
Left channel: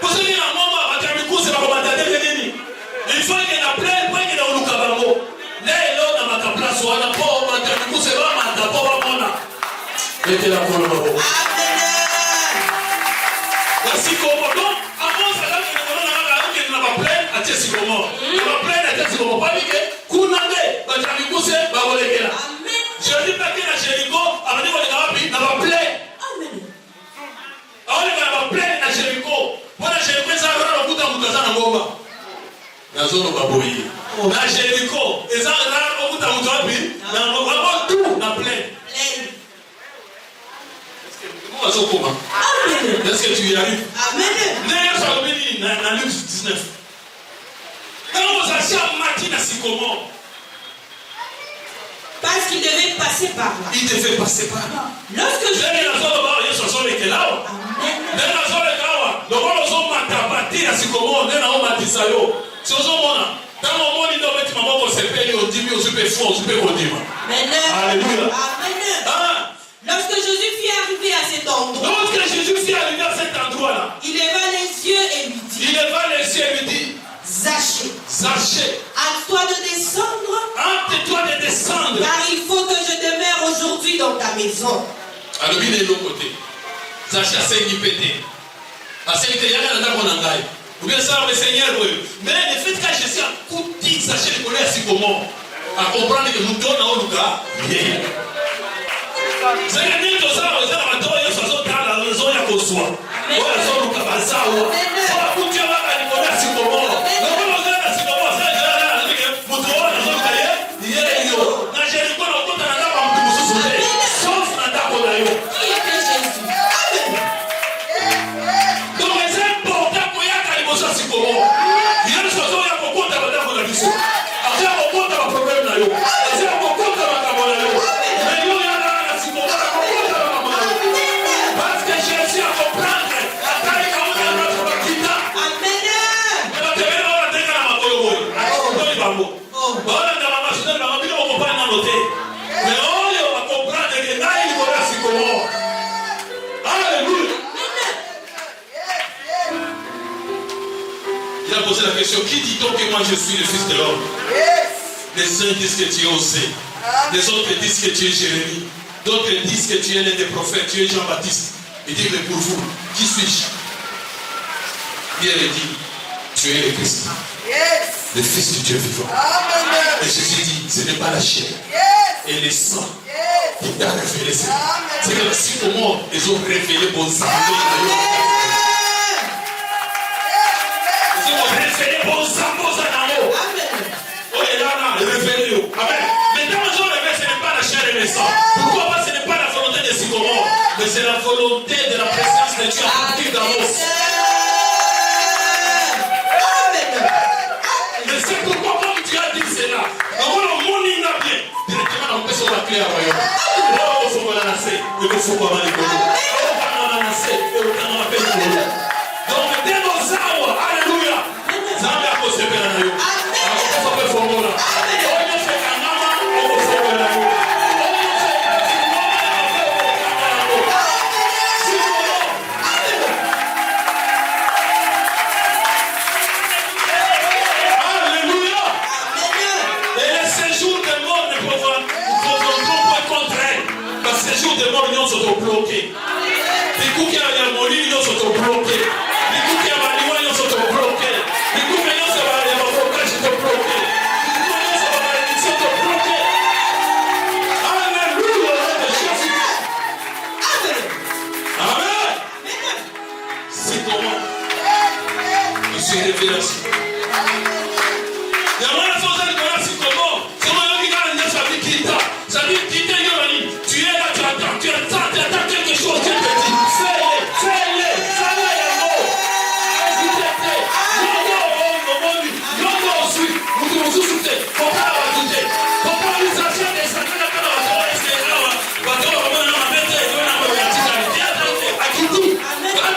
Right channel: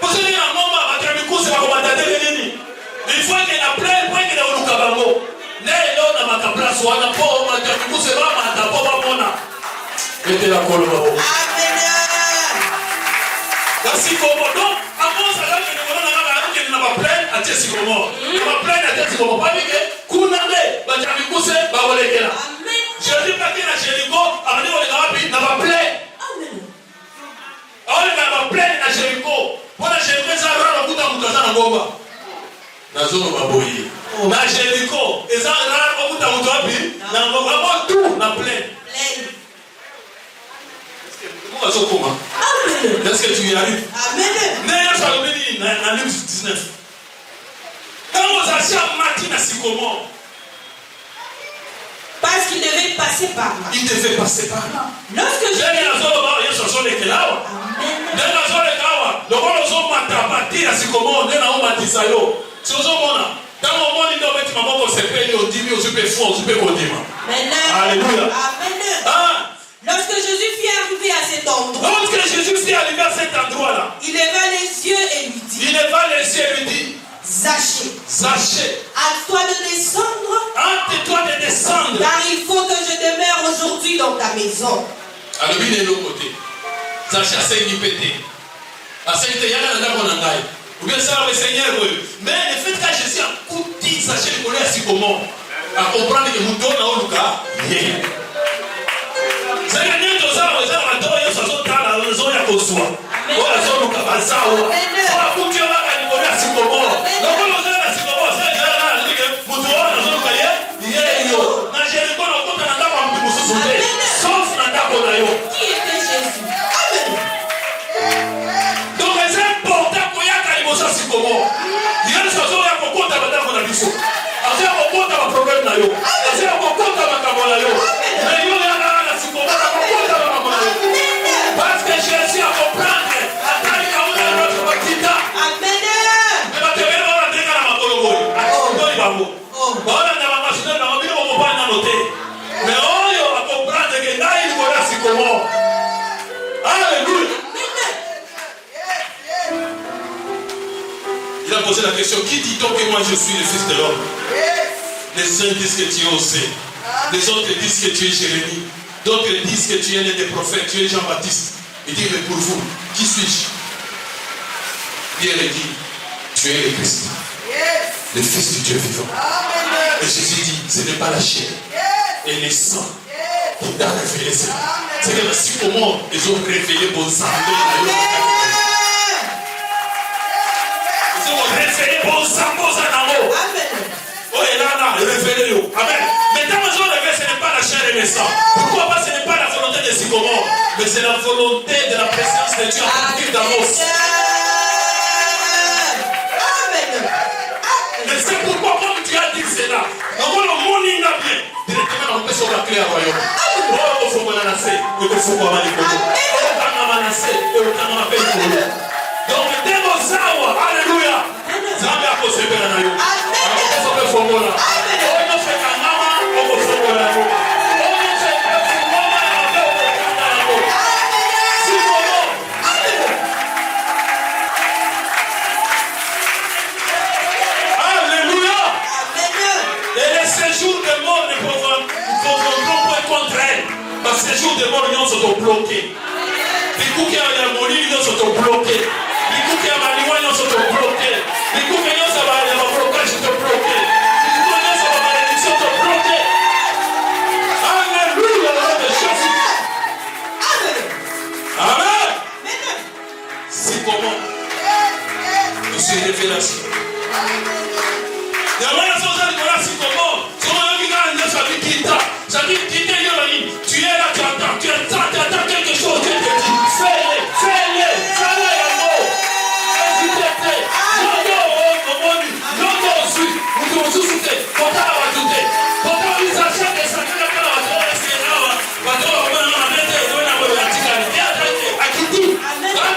Parce que la momba battre les coups c'est pas comment t'as dit. Il faut que la plaine prenne le lukabango. Ne là na makapla so na po battre les coups c'est pas ma ta po ba mona. Mettez la colle babo. Amen. Voici comment donc avant ça là que na ba plaine à tesi comment. Na plaine à tesi comment pas que kunande battre les coups c'est ba volekela. Je dis pas que la Jéricho a venu na ba plaine. Aole na plaine na Jéricho. Bona Jéricho za rara muta mutazana ngomba. Na zone baboyi. Na Jéricho eza rara muta mutabi na ngomba tout na plaine. Est-ce que comment va ça comment? Amen. Est-ce que tu y arrives? Amen. N'est pas venu na Luc 19. Quand vous achetez Martin à Sycomore. Parce qu'il devait passer par là. Il devait passer par là. Lorsque je Alléluia. Lorsque Jésus fut arrivé à cet endroit, il leva les yeux et lui dit, Zachée, hâte-toi de descendre, car il faut que je demeure aujourd'hui dans ta maison. Alors, il est de l'autre côté. Zachée a saigné pété. Parce que il y a un endroit où on a. Vous bien savoir le Seigneur, mais le fait que Jésus a coupé Zachée connaît ainsi comment à comprendre que nous donnons au Lucas. C'est que nous tous ça, nous avons attendu que ça soit dans la zone à cause soi. On a zone au Cabasa. On a coupé là quand il connaît ainsi comment. Parce que Jésus a compris. a posé la question, qui dit-on que moi je suis le fils de l'homme? Les uns disent que tu es Osée. Les autres disent que tu es Jérémie. D'autres disent que tu es l'un des prophètes, tu es Jean-Baptiste. Il dit, mais pour vous, qui suis-je? Pierre dit, tu es le Christ, le Fils du Dieu vivant. Et Jésus dit, ce n'est pas la chair et le sang qui t'a révélé ça. C'est que si au monde, ils ont révélé bon sang. Ils ont révélé bon sang, bon sang d'amour. Oh, et là, révélé-le. Amen. Mais dans le jour de ce n'est pas la chair et le sang. Pourquoi? Parce que ce n'est pas la volonté de Sycomore, mais c'est la volonté de la présence de Dieu en partir d'Amos. Et c'est pourquoi, comme tu as dit cela, on voit le monde bien. Directement, on peut se rappeler à Royaume. Oh, il faut qu'on en ait. Il faut qu'on en ait. Donc, dès nos âmes, alléluia. Zambé a possédé la naïe. Alors, on peut faire bon là. On peut faire un maman, on peut faire bon là. Ces jours de mort, ils sont bloqués. Les coups qui ont la molie, ils sont bloqués. Les coups qui ont la loi, ils sont bloqués. Les coups qui ont la blocage, ils sont bloqués. Les coups qui ont la malédiction, ils sont bloqués. Alléluia, de Jésus. Amen. C'est comment? C'est révélation. Il y a une chose à dire, c'est comment? C'est comment il y a une famille qui t'a. Ça dit, tu es là, tu attends quelque chose, Dieu te dit, fais-le, l'amour. Invite-le. Non, aussi, nous souffrir. Faut pas rajouter. Faut pas nous acheter des sacs de la parole, c'est là. Quand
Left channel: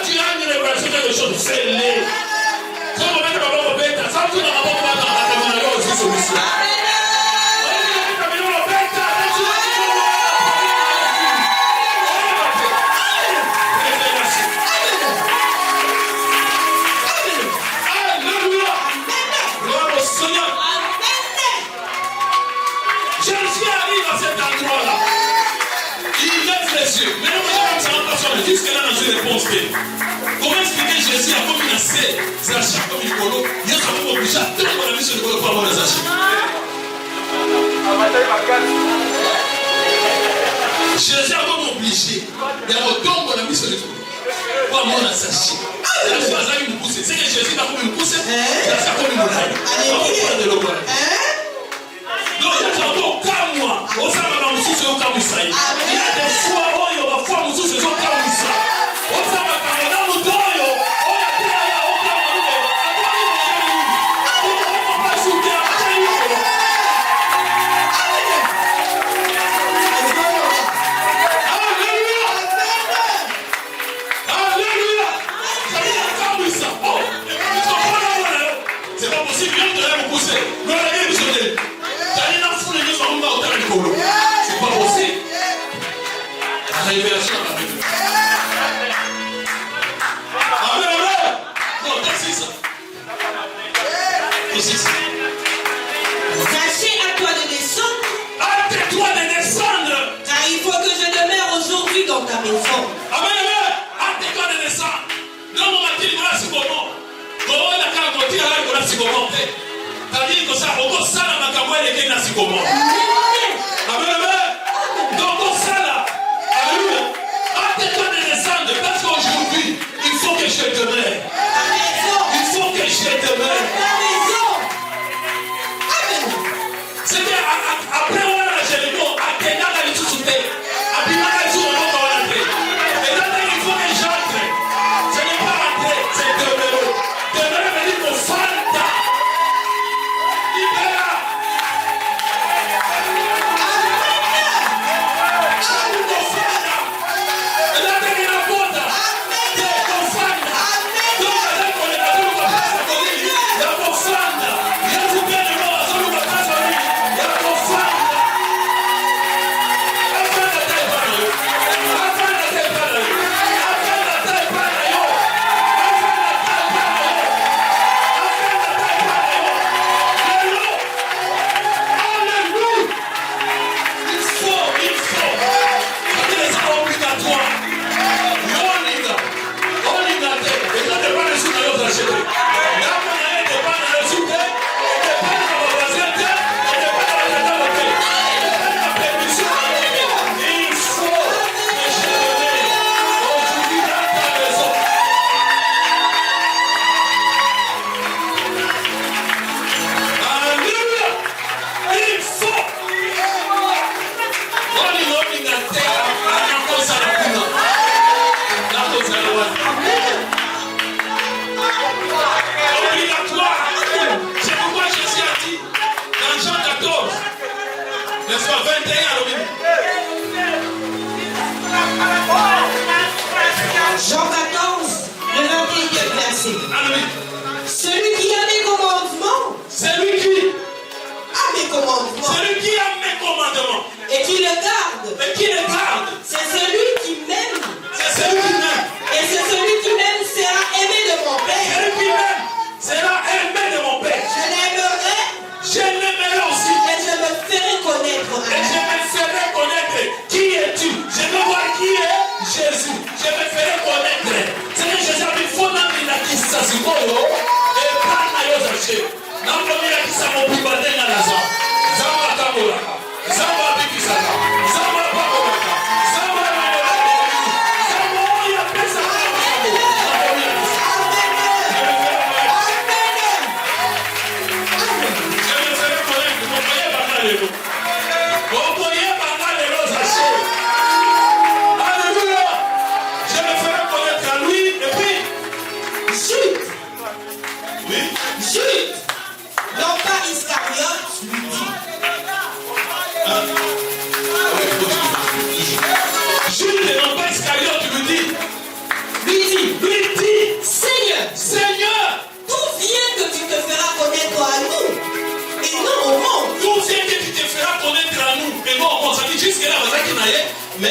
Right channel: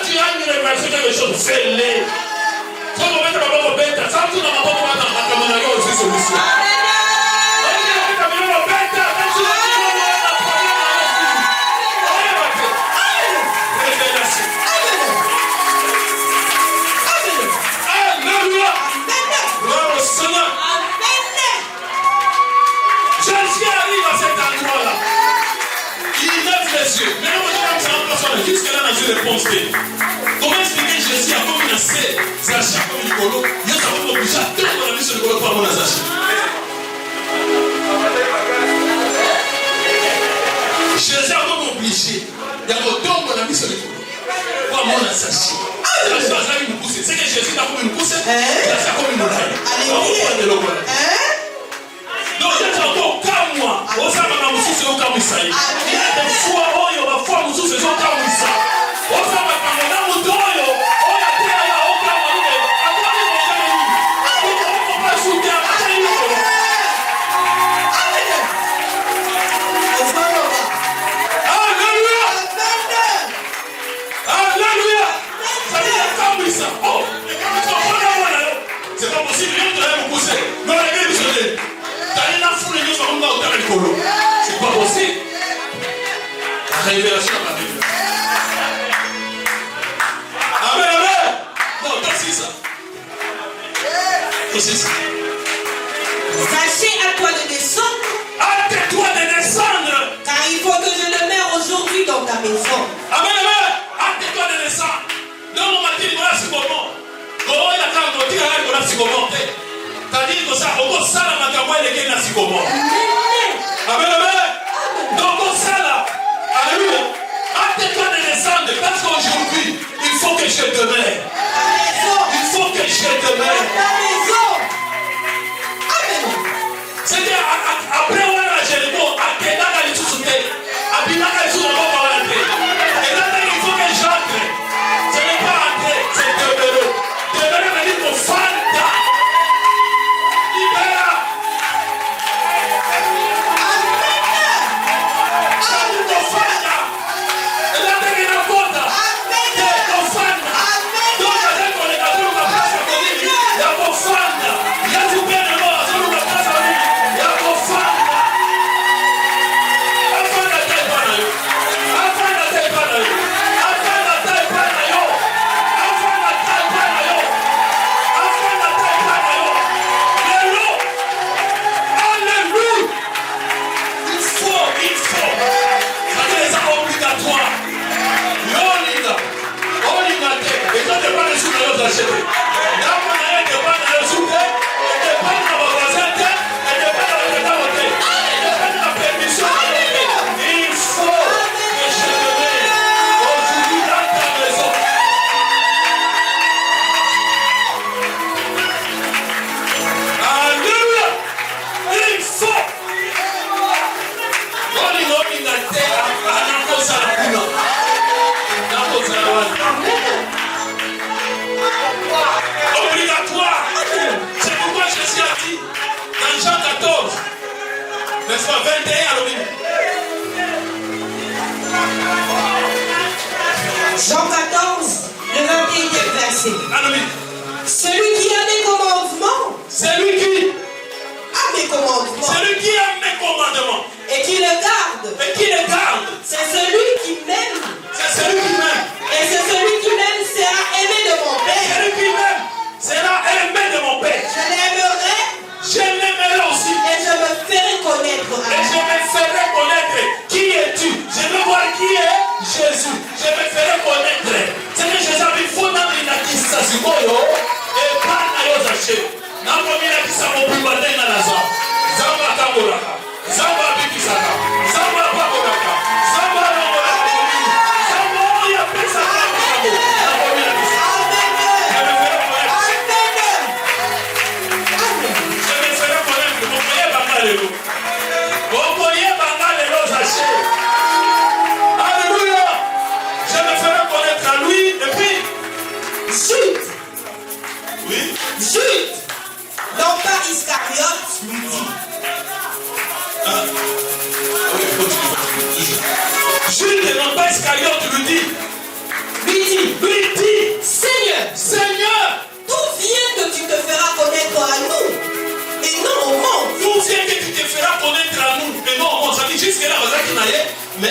tu as une révélation de quelque chose, fais-le. Quand on met ta maman au bête, ça vous n'a pas de aussi solution. Comment expliquer Jésus a comme une assez Zacha comme du colo? Il y a quand même obligé à tout pour la vie sur le colo pour avoir la Zacha. Jésus a comme obligé. Il y a autant pour la vie sur le colo pour avoir la Zacha. C'est que Jésus a comme une pousse. Zacha comme une montagne. Donc il y a encore qu'à moi. On s'en va dans le sous au camp Isaïe. Il y a des fois où il y aura foi au sous au camp Isaïe. On s'en va dans le dos. C'est pas possible. La révélation de la Bible. Amen, amen. Non, qu'est-ce que ça? Qu'est-ce que ça? Sachez à toi de descendre. Hâte-toi de descendre. Car il faut que je demeure aujourd'hui dans ta maison. Amen, amen. Hâte-toi de descendre. Non, mon matin, voilà ce moment. Comment il a qu'à dire voilà ce moment. C'est-à-dire que ça, on va ça la magamoi et les gars, c'est comment. Amen, amen. Donc, on ça là. Alléluia. Hâte-toi de descendre. Parce qu'aujourd'hui, il faut que je demeure. Il faut que je demeure. C'est-à-dire, après, on a la Jérémie, après, on a les sous-soutés. Après, on a les sous-soutés. Et là, il faut que j'entre. Ce n'est pas entrer, c'est demeurer. Demeurer veut dire qu'on fanta. Libéra. Donc Jean 14, le 21e verset. Celui qui a mes commandements. Celui qui a mes commandements. Celui qui a mes commandements. Et qui le garde. Et qui le garde. C'est celui qui m'aime. C'est celui qui m'aime. Et c'est celui qui m'aime sera aimé de mon Père. Celui qui m'aime sera aimé de mon Père. Je l'aimerai. Je l'aimerai aussi. Et je me ferai connaître. Et je me ferai connaître. Qui es-tu? Je veux voir qui est Jésus. Je me ferai connaître. C'est Jésus qui faut dans la distance. Et pas à l'autre. N'a pas mis la distance au plus bas de la raison. Zamba Tabolaka. Zamba Bikisaka. Zamba Pabolaka. Zamba Pabolaka. Zamba Oya Pesa. Alléluia. Je me ferai connaître à lui et puis Jude. oui. Jude. Non pas Iscariote lui dit. Jude et non pas Iscariote lui dit, Seigneur, d'où vient que tu te feras connaître à nous et non au monde? d'où vient que tu te feras connaître à nous et non au monde? Ça dit jusque là, on a qui n'allait, mais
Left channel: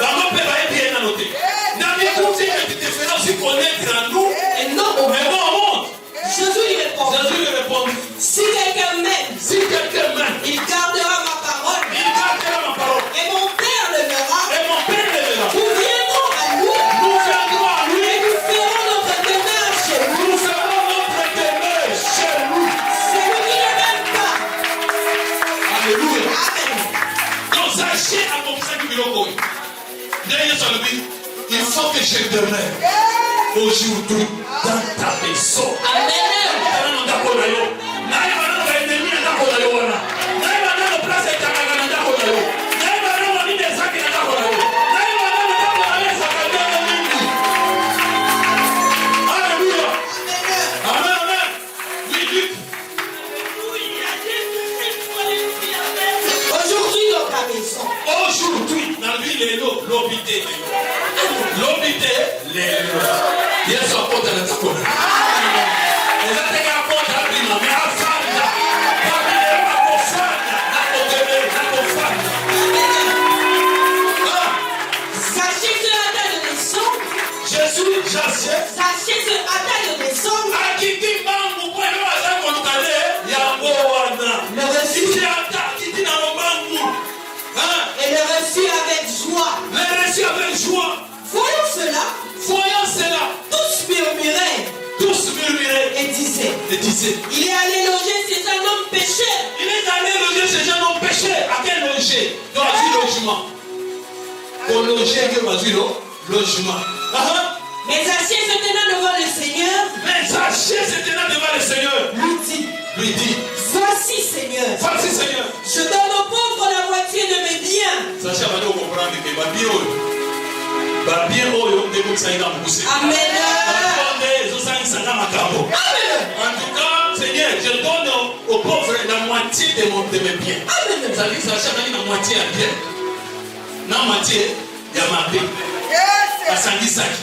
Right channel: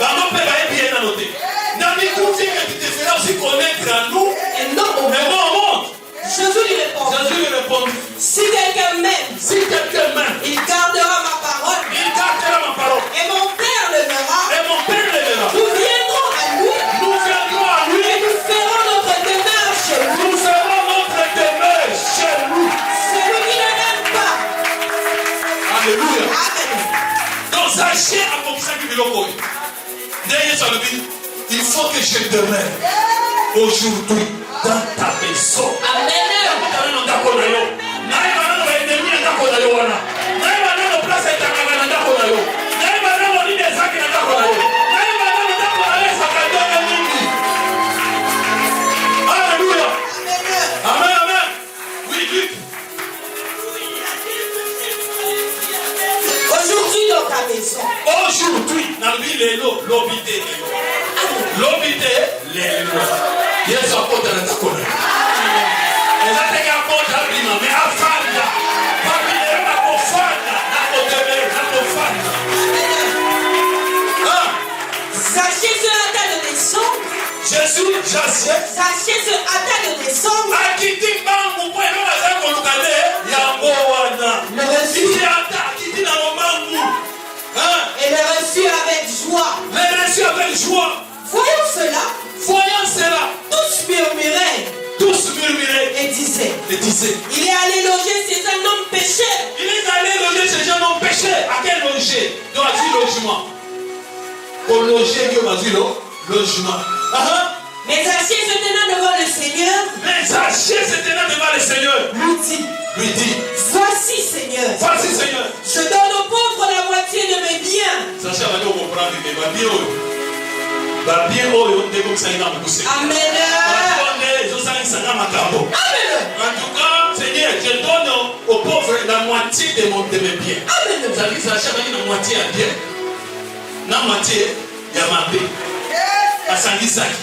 la main peut aller bien la noter. D'où vient que tu te feras aussi connaître à nous Et non au mais monde. non au monde? Jésus lui répond. Jésus lui répond, Si quelqu'un m'aime, si quelqu'un m'aime, il gardera ma parole. il gardera ma parole Et mon Père le verra. et mon Père l'aimera. Nous viendrons à lui. Nous viendrons à lui. Et nous ferons notre demeure chez lui. Nous ferons notre demeure chez nous. Celui qui ne m'aime pas. Alléluia. Amen. Donc sachez à mon sac de l'eau. D'ailleurs, ça veut dire, il faut que je demeure aujourd'hui dans ta maison. Amen. Alléluia. Amen. Amen, amen. Oui, dites. Aujourd'hui dans ta maison. Aujourd'hui, dans l'île l'obité. L'obité, Yesu apporte la takona. Ezate ka apporte la prima, mais afanda. Famille ma kofanda, na kotebe, na kofanda. Sachez ce hâta de descendre. Jésus, j'achète. Sachez ce hâta de descendre. Akiti bangu kwa ndo wazako lukale ya wana. Le reçut. Kiti ata, kiti na bangu. Et le reçut avec joie. Mais reçu avec joie. Voyons cela. Voyons cela. Tous murmuraient Tous murmuraient et disaient. et disaient. Il est allé loger chez un homme pécheur. Il est allé loger chez un homme péché. À quel loger? Dans la vie logement. Pour loger, que m'a dit logement. Mais Zachée se tenant devant le Seigneur, Mais Zachée se tenant devant le Seigneur, lui dit, voici Seigneur, voici Seigneur. je donne aux pauvres la moitié de mes biens. Zachée va dire comprendre que va bien oyo de comme ça il a poussé. Amen. En tout cas, Seigneur, je donne aux pauvres la moitié de mes biens. Amen. Ça dit Zachée a la moitié à bien. La moitié, il y a ma paix. À Sandisaki.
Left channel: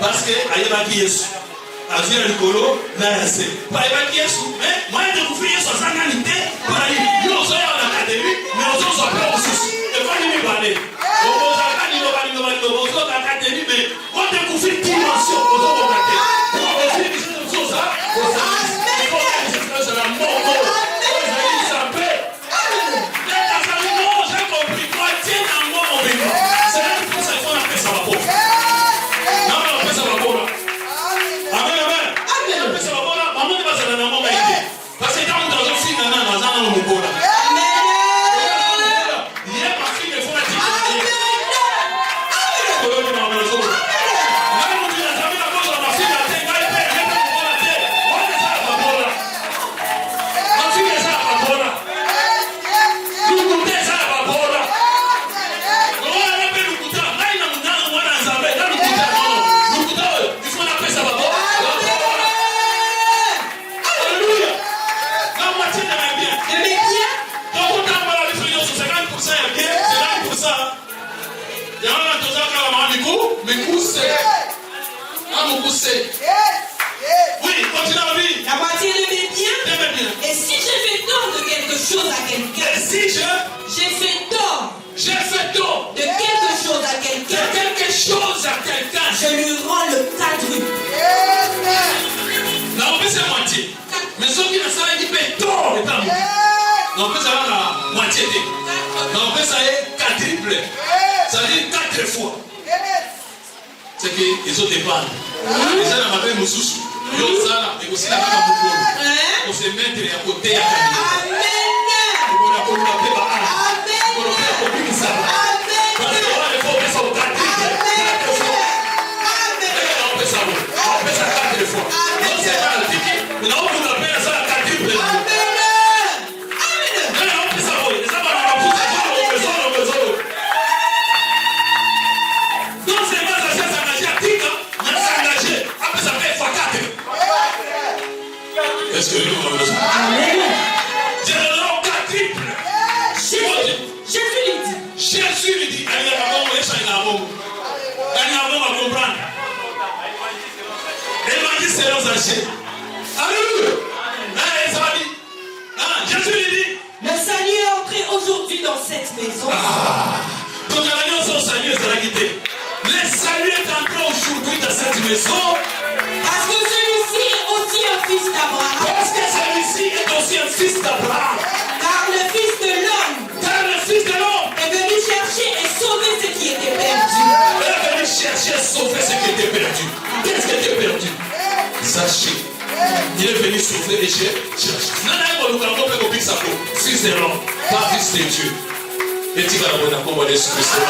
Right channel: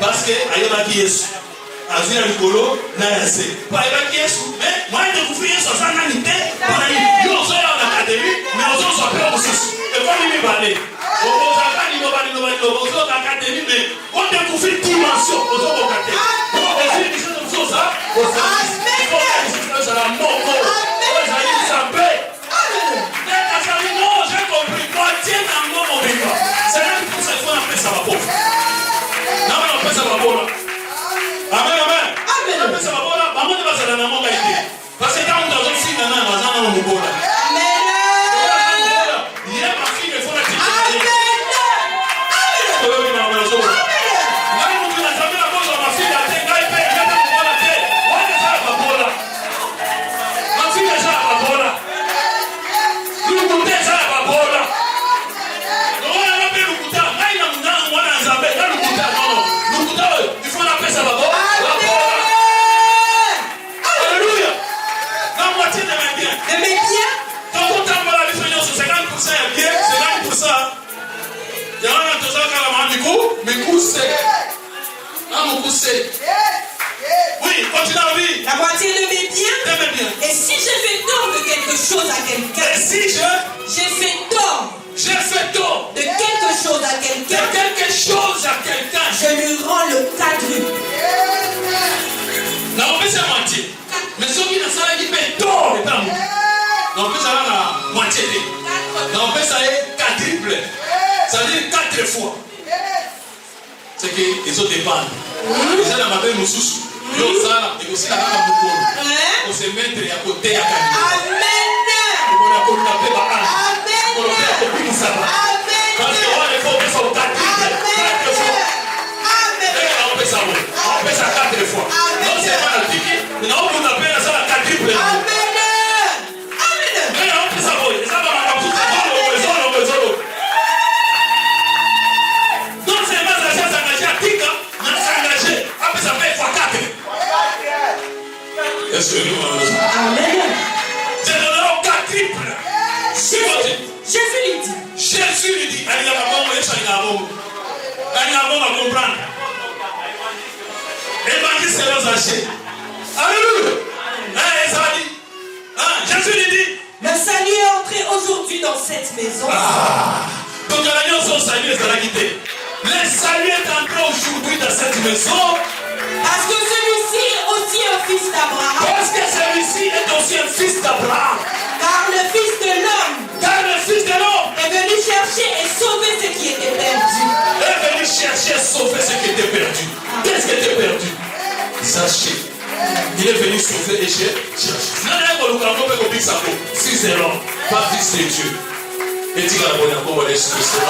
Parce que ayebaki Yesu azira likolo na yase po ayebaki Yesu mais moi je vous fais sur ça nanité pour aller yo so ya na académie mais on se soit pas aussi et pas ni balé on va pas ni balé on se na académie mais on te vous fait dimension on se va cater on fait des choses ça on ça la mort on ça dit ça paix mais ça ça dit non j'ai compris moitié dans mon vivant c'est pour ça qu'on appelle ça la pauvre. Non, non, ça va bon. Amen, amen. qu'ils ont dépendent. Déjà, dans ma belle Moussous, donc ça, et aussi la femme de on se met à côté à Amen. On a appelé Amen. On a appelé ça. Parce qu'on va les faire sur 4 on fait ça 4 fois. Non, c'est pas le piqué. Non, on appelle ça 4 fois. Amen. On fait ça. Ça va dans la bouche. Donc, c'est pas ça s'engager à Tika. On s'engager. Après, ça fait fois 4. Est-ce que nous allons Amen. C'est le nom 4 triples. Jésus lui dit, allez, on va comprendre. Et m'a dit, c'est leurs archers. Alléluia. Jésus lui dit, le salut est entré aujourd'hui dans cette maison. Donc, l'alliance au salut est la guidée. Le salut est entré aujourd'hui dans cette maison. Parce que celui-ci est aussi un fils d'Abraham. Parce que celui-ci est aussi un fils d'Abraham. Car le fils de l'homme est venu chercher et sauver ce qui était perdu. Est venu chercher et sauver ce qui était perdu. Qu'est-ce qui était perdu? Sachez, il est venu sauver et chercher. Non, si c'est l'homme, pas fils de Dieu. Et tu vas voir comment les soucis sont là.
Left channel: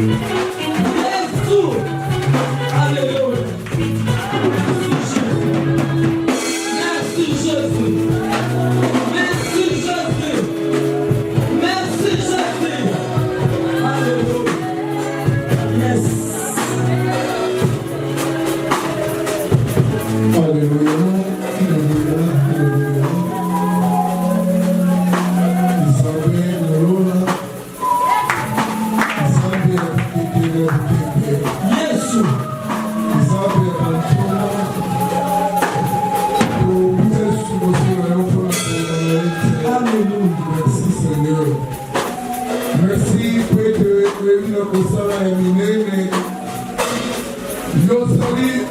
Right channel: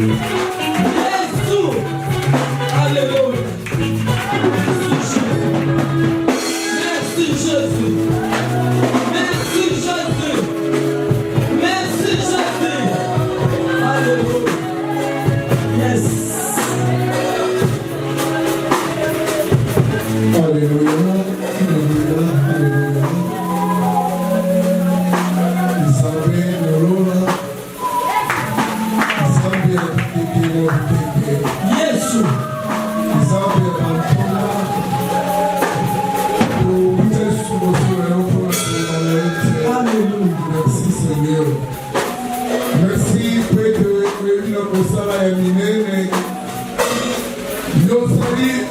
Alléluia. Merci Jésus. Merci Jésus. Merci Jésus. Alléluia. Yes. Alléluia. Alléluia.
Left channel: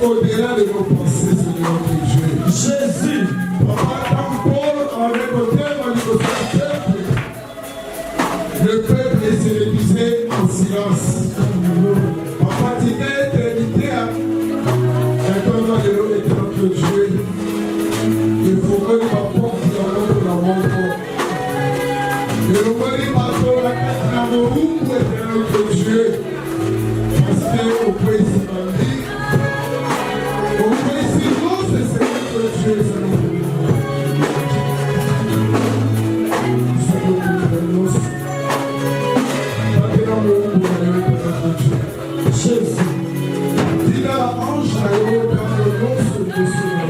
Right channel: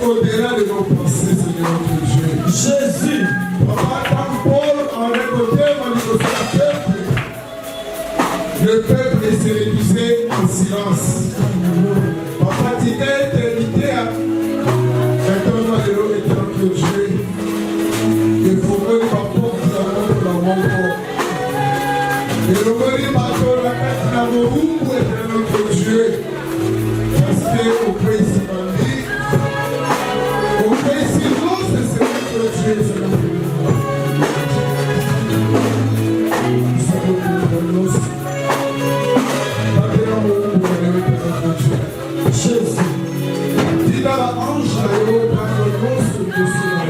Au-delà de nos pensées, Seigneur notre Dieu. Jésus. Papa, quand Paul en récolté le peuple se réduisait en silence. Papa, tu t'es éternité à éternellement de l'eau et notre Dieu. Il faut que ma porte la montre la montre. Et le mot dit pas que la carte la montre est notre Dieu. Parce qu'au pays c'est pas dit. Au pays c'est non, c'est notre Dieu. Jésus. Dis à la ange, la héros, par le nom, ce que c'est.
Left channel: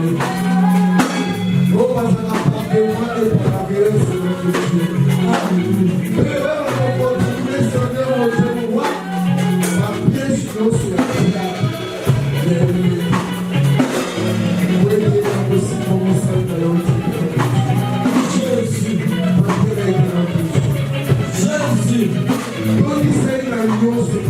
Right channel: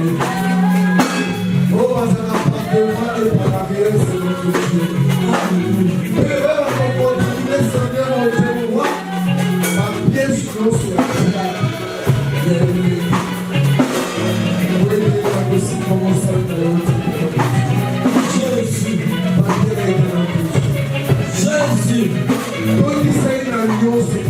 Oh, pas un appart devant et par l'arrière, c'est notre Dieu. Et là, on va continuer, Seigneur, on te voit. Par pied sur nos souhaits. Oui, il est impossible comment ça va. Jésus. Jésus. Quand il fait une alliance,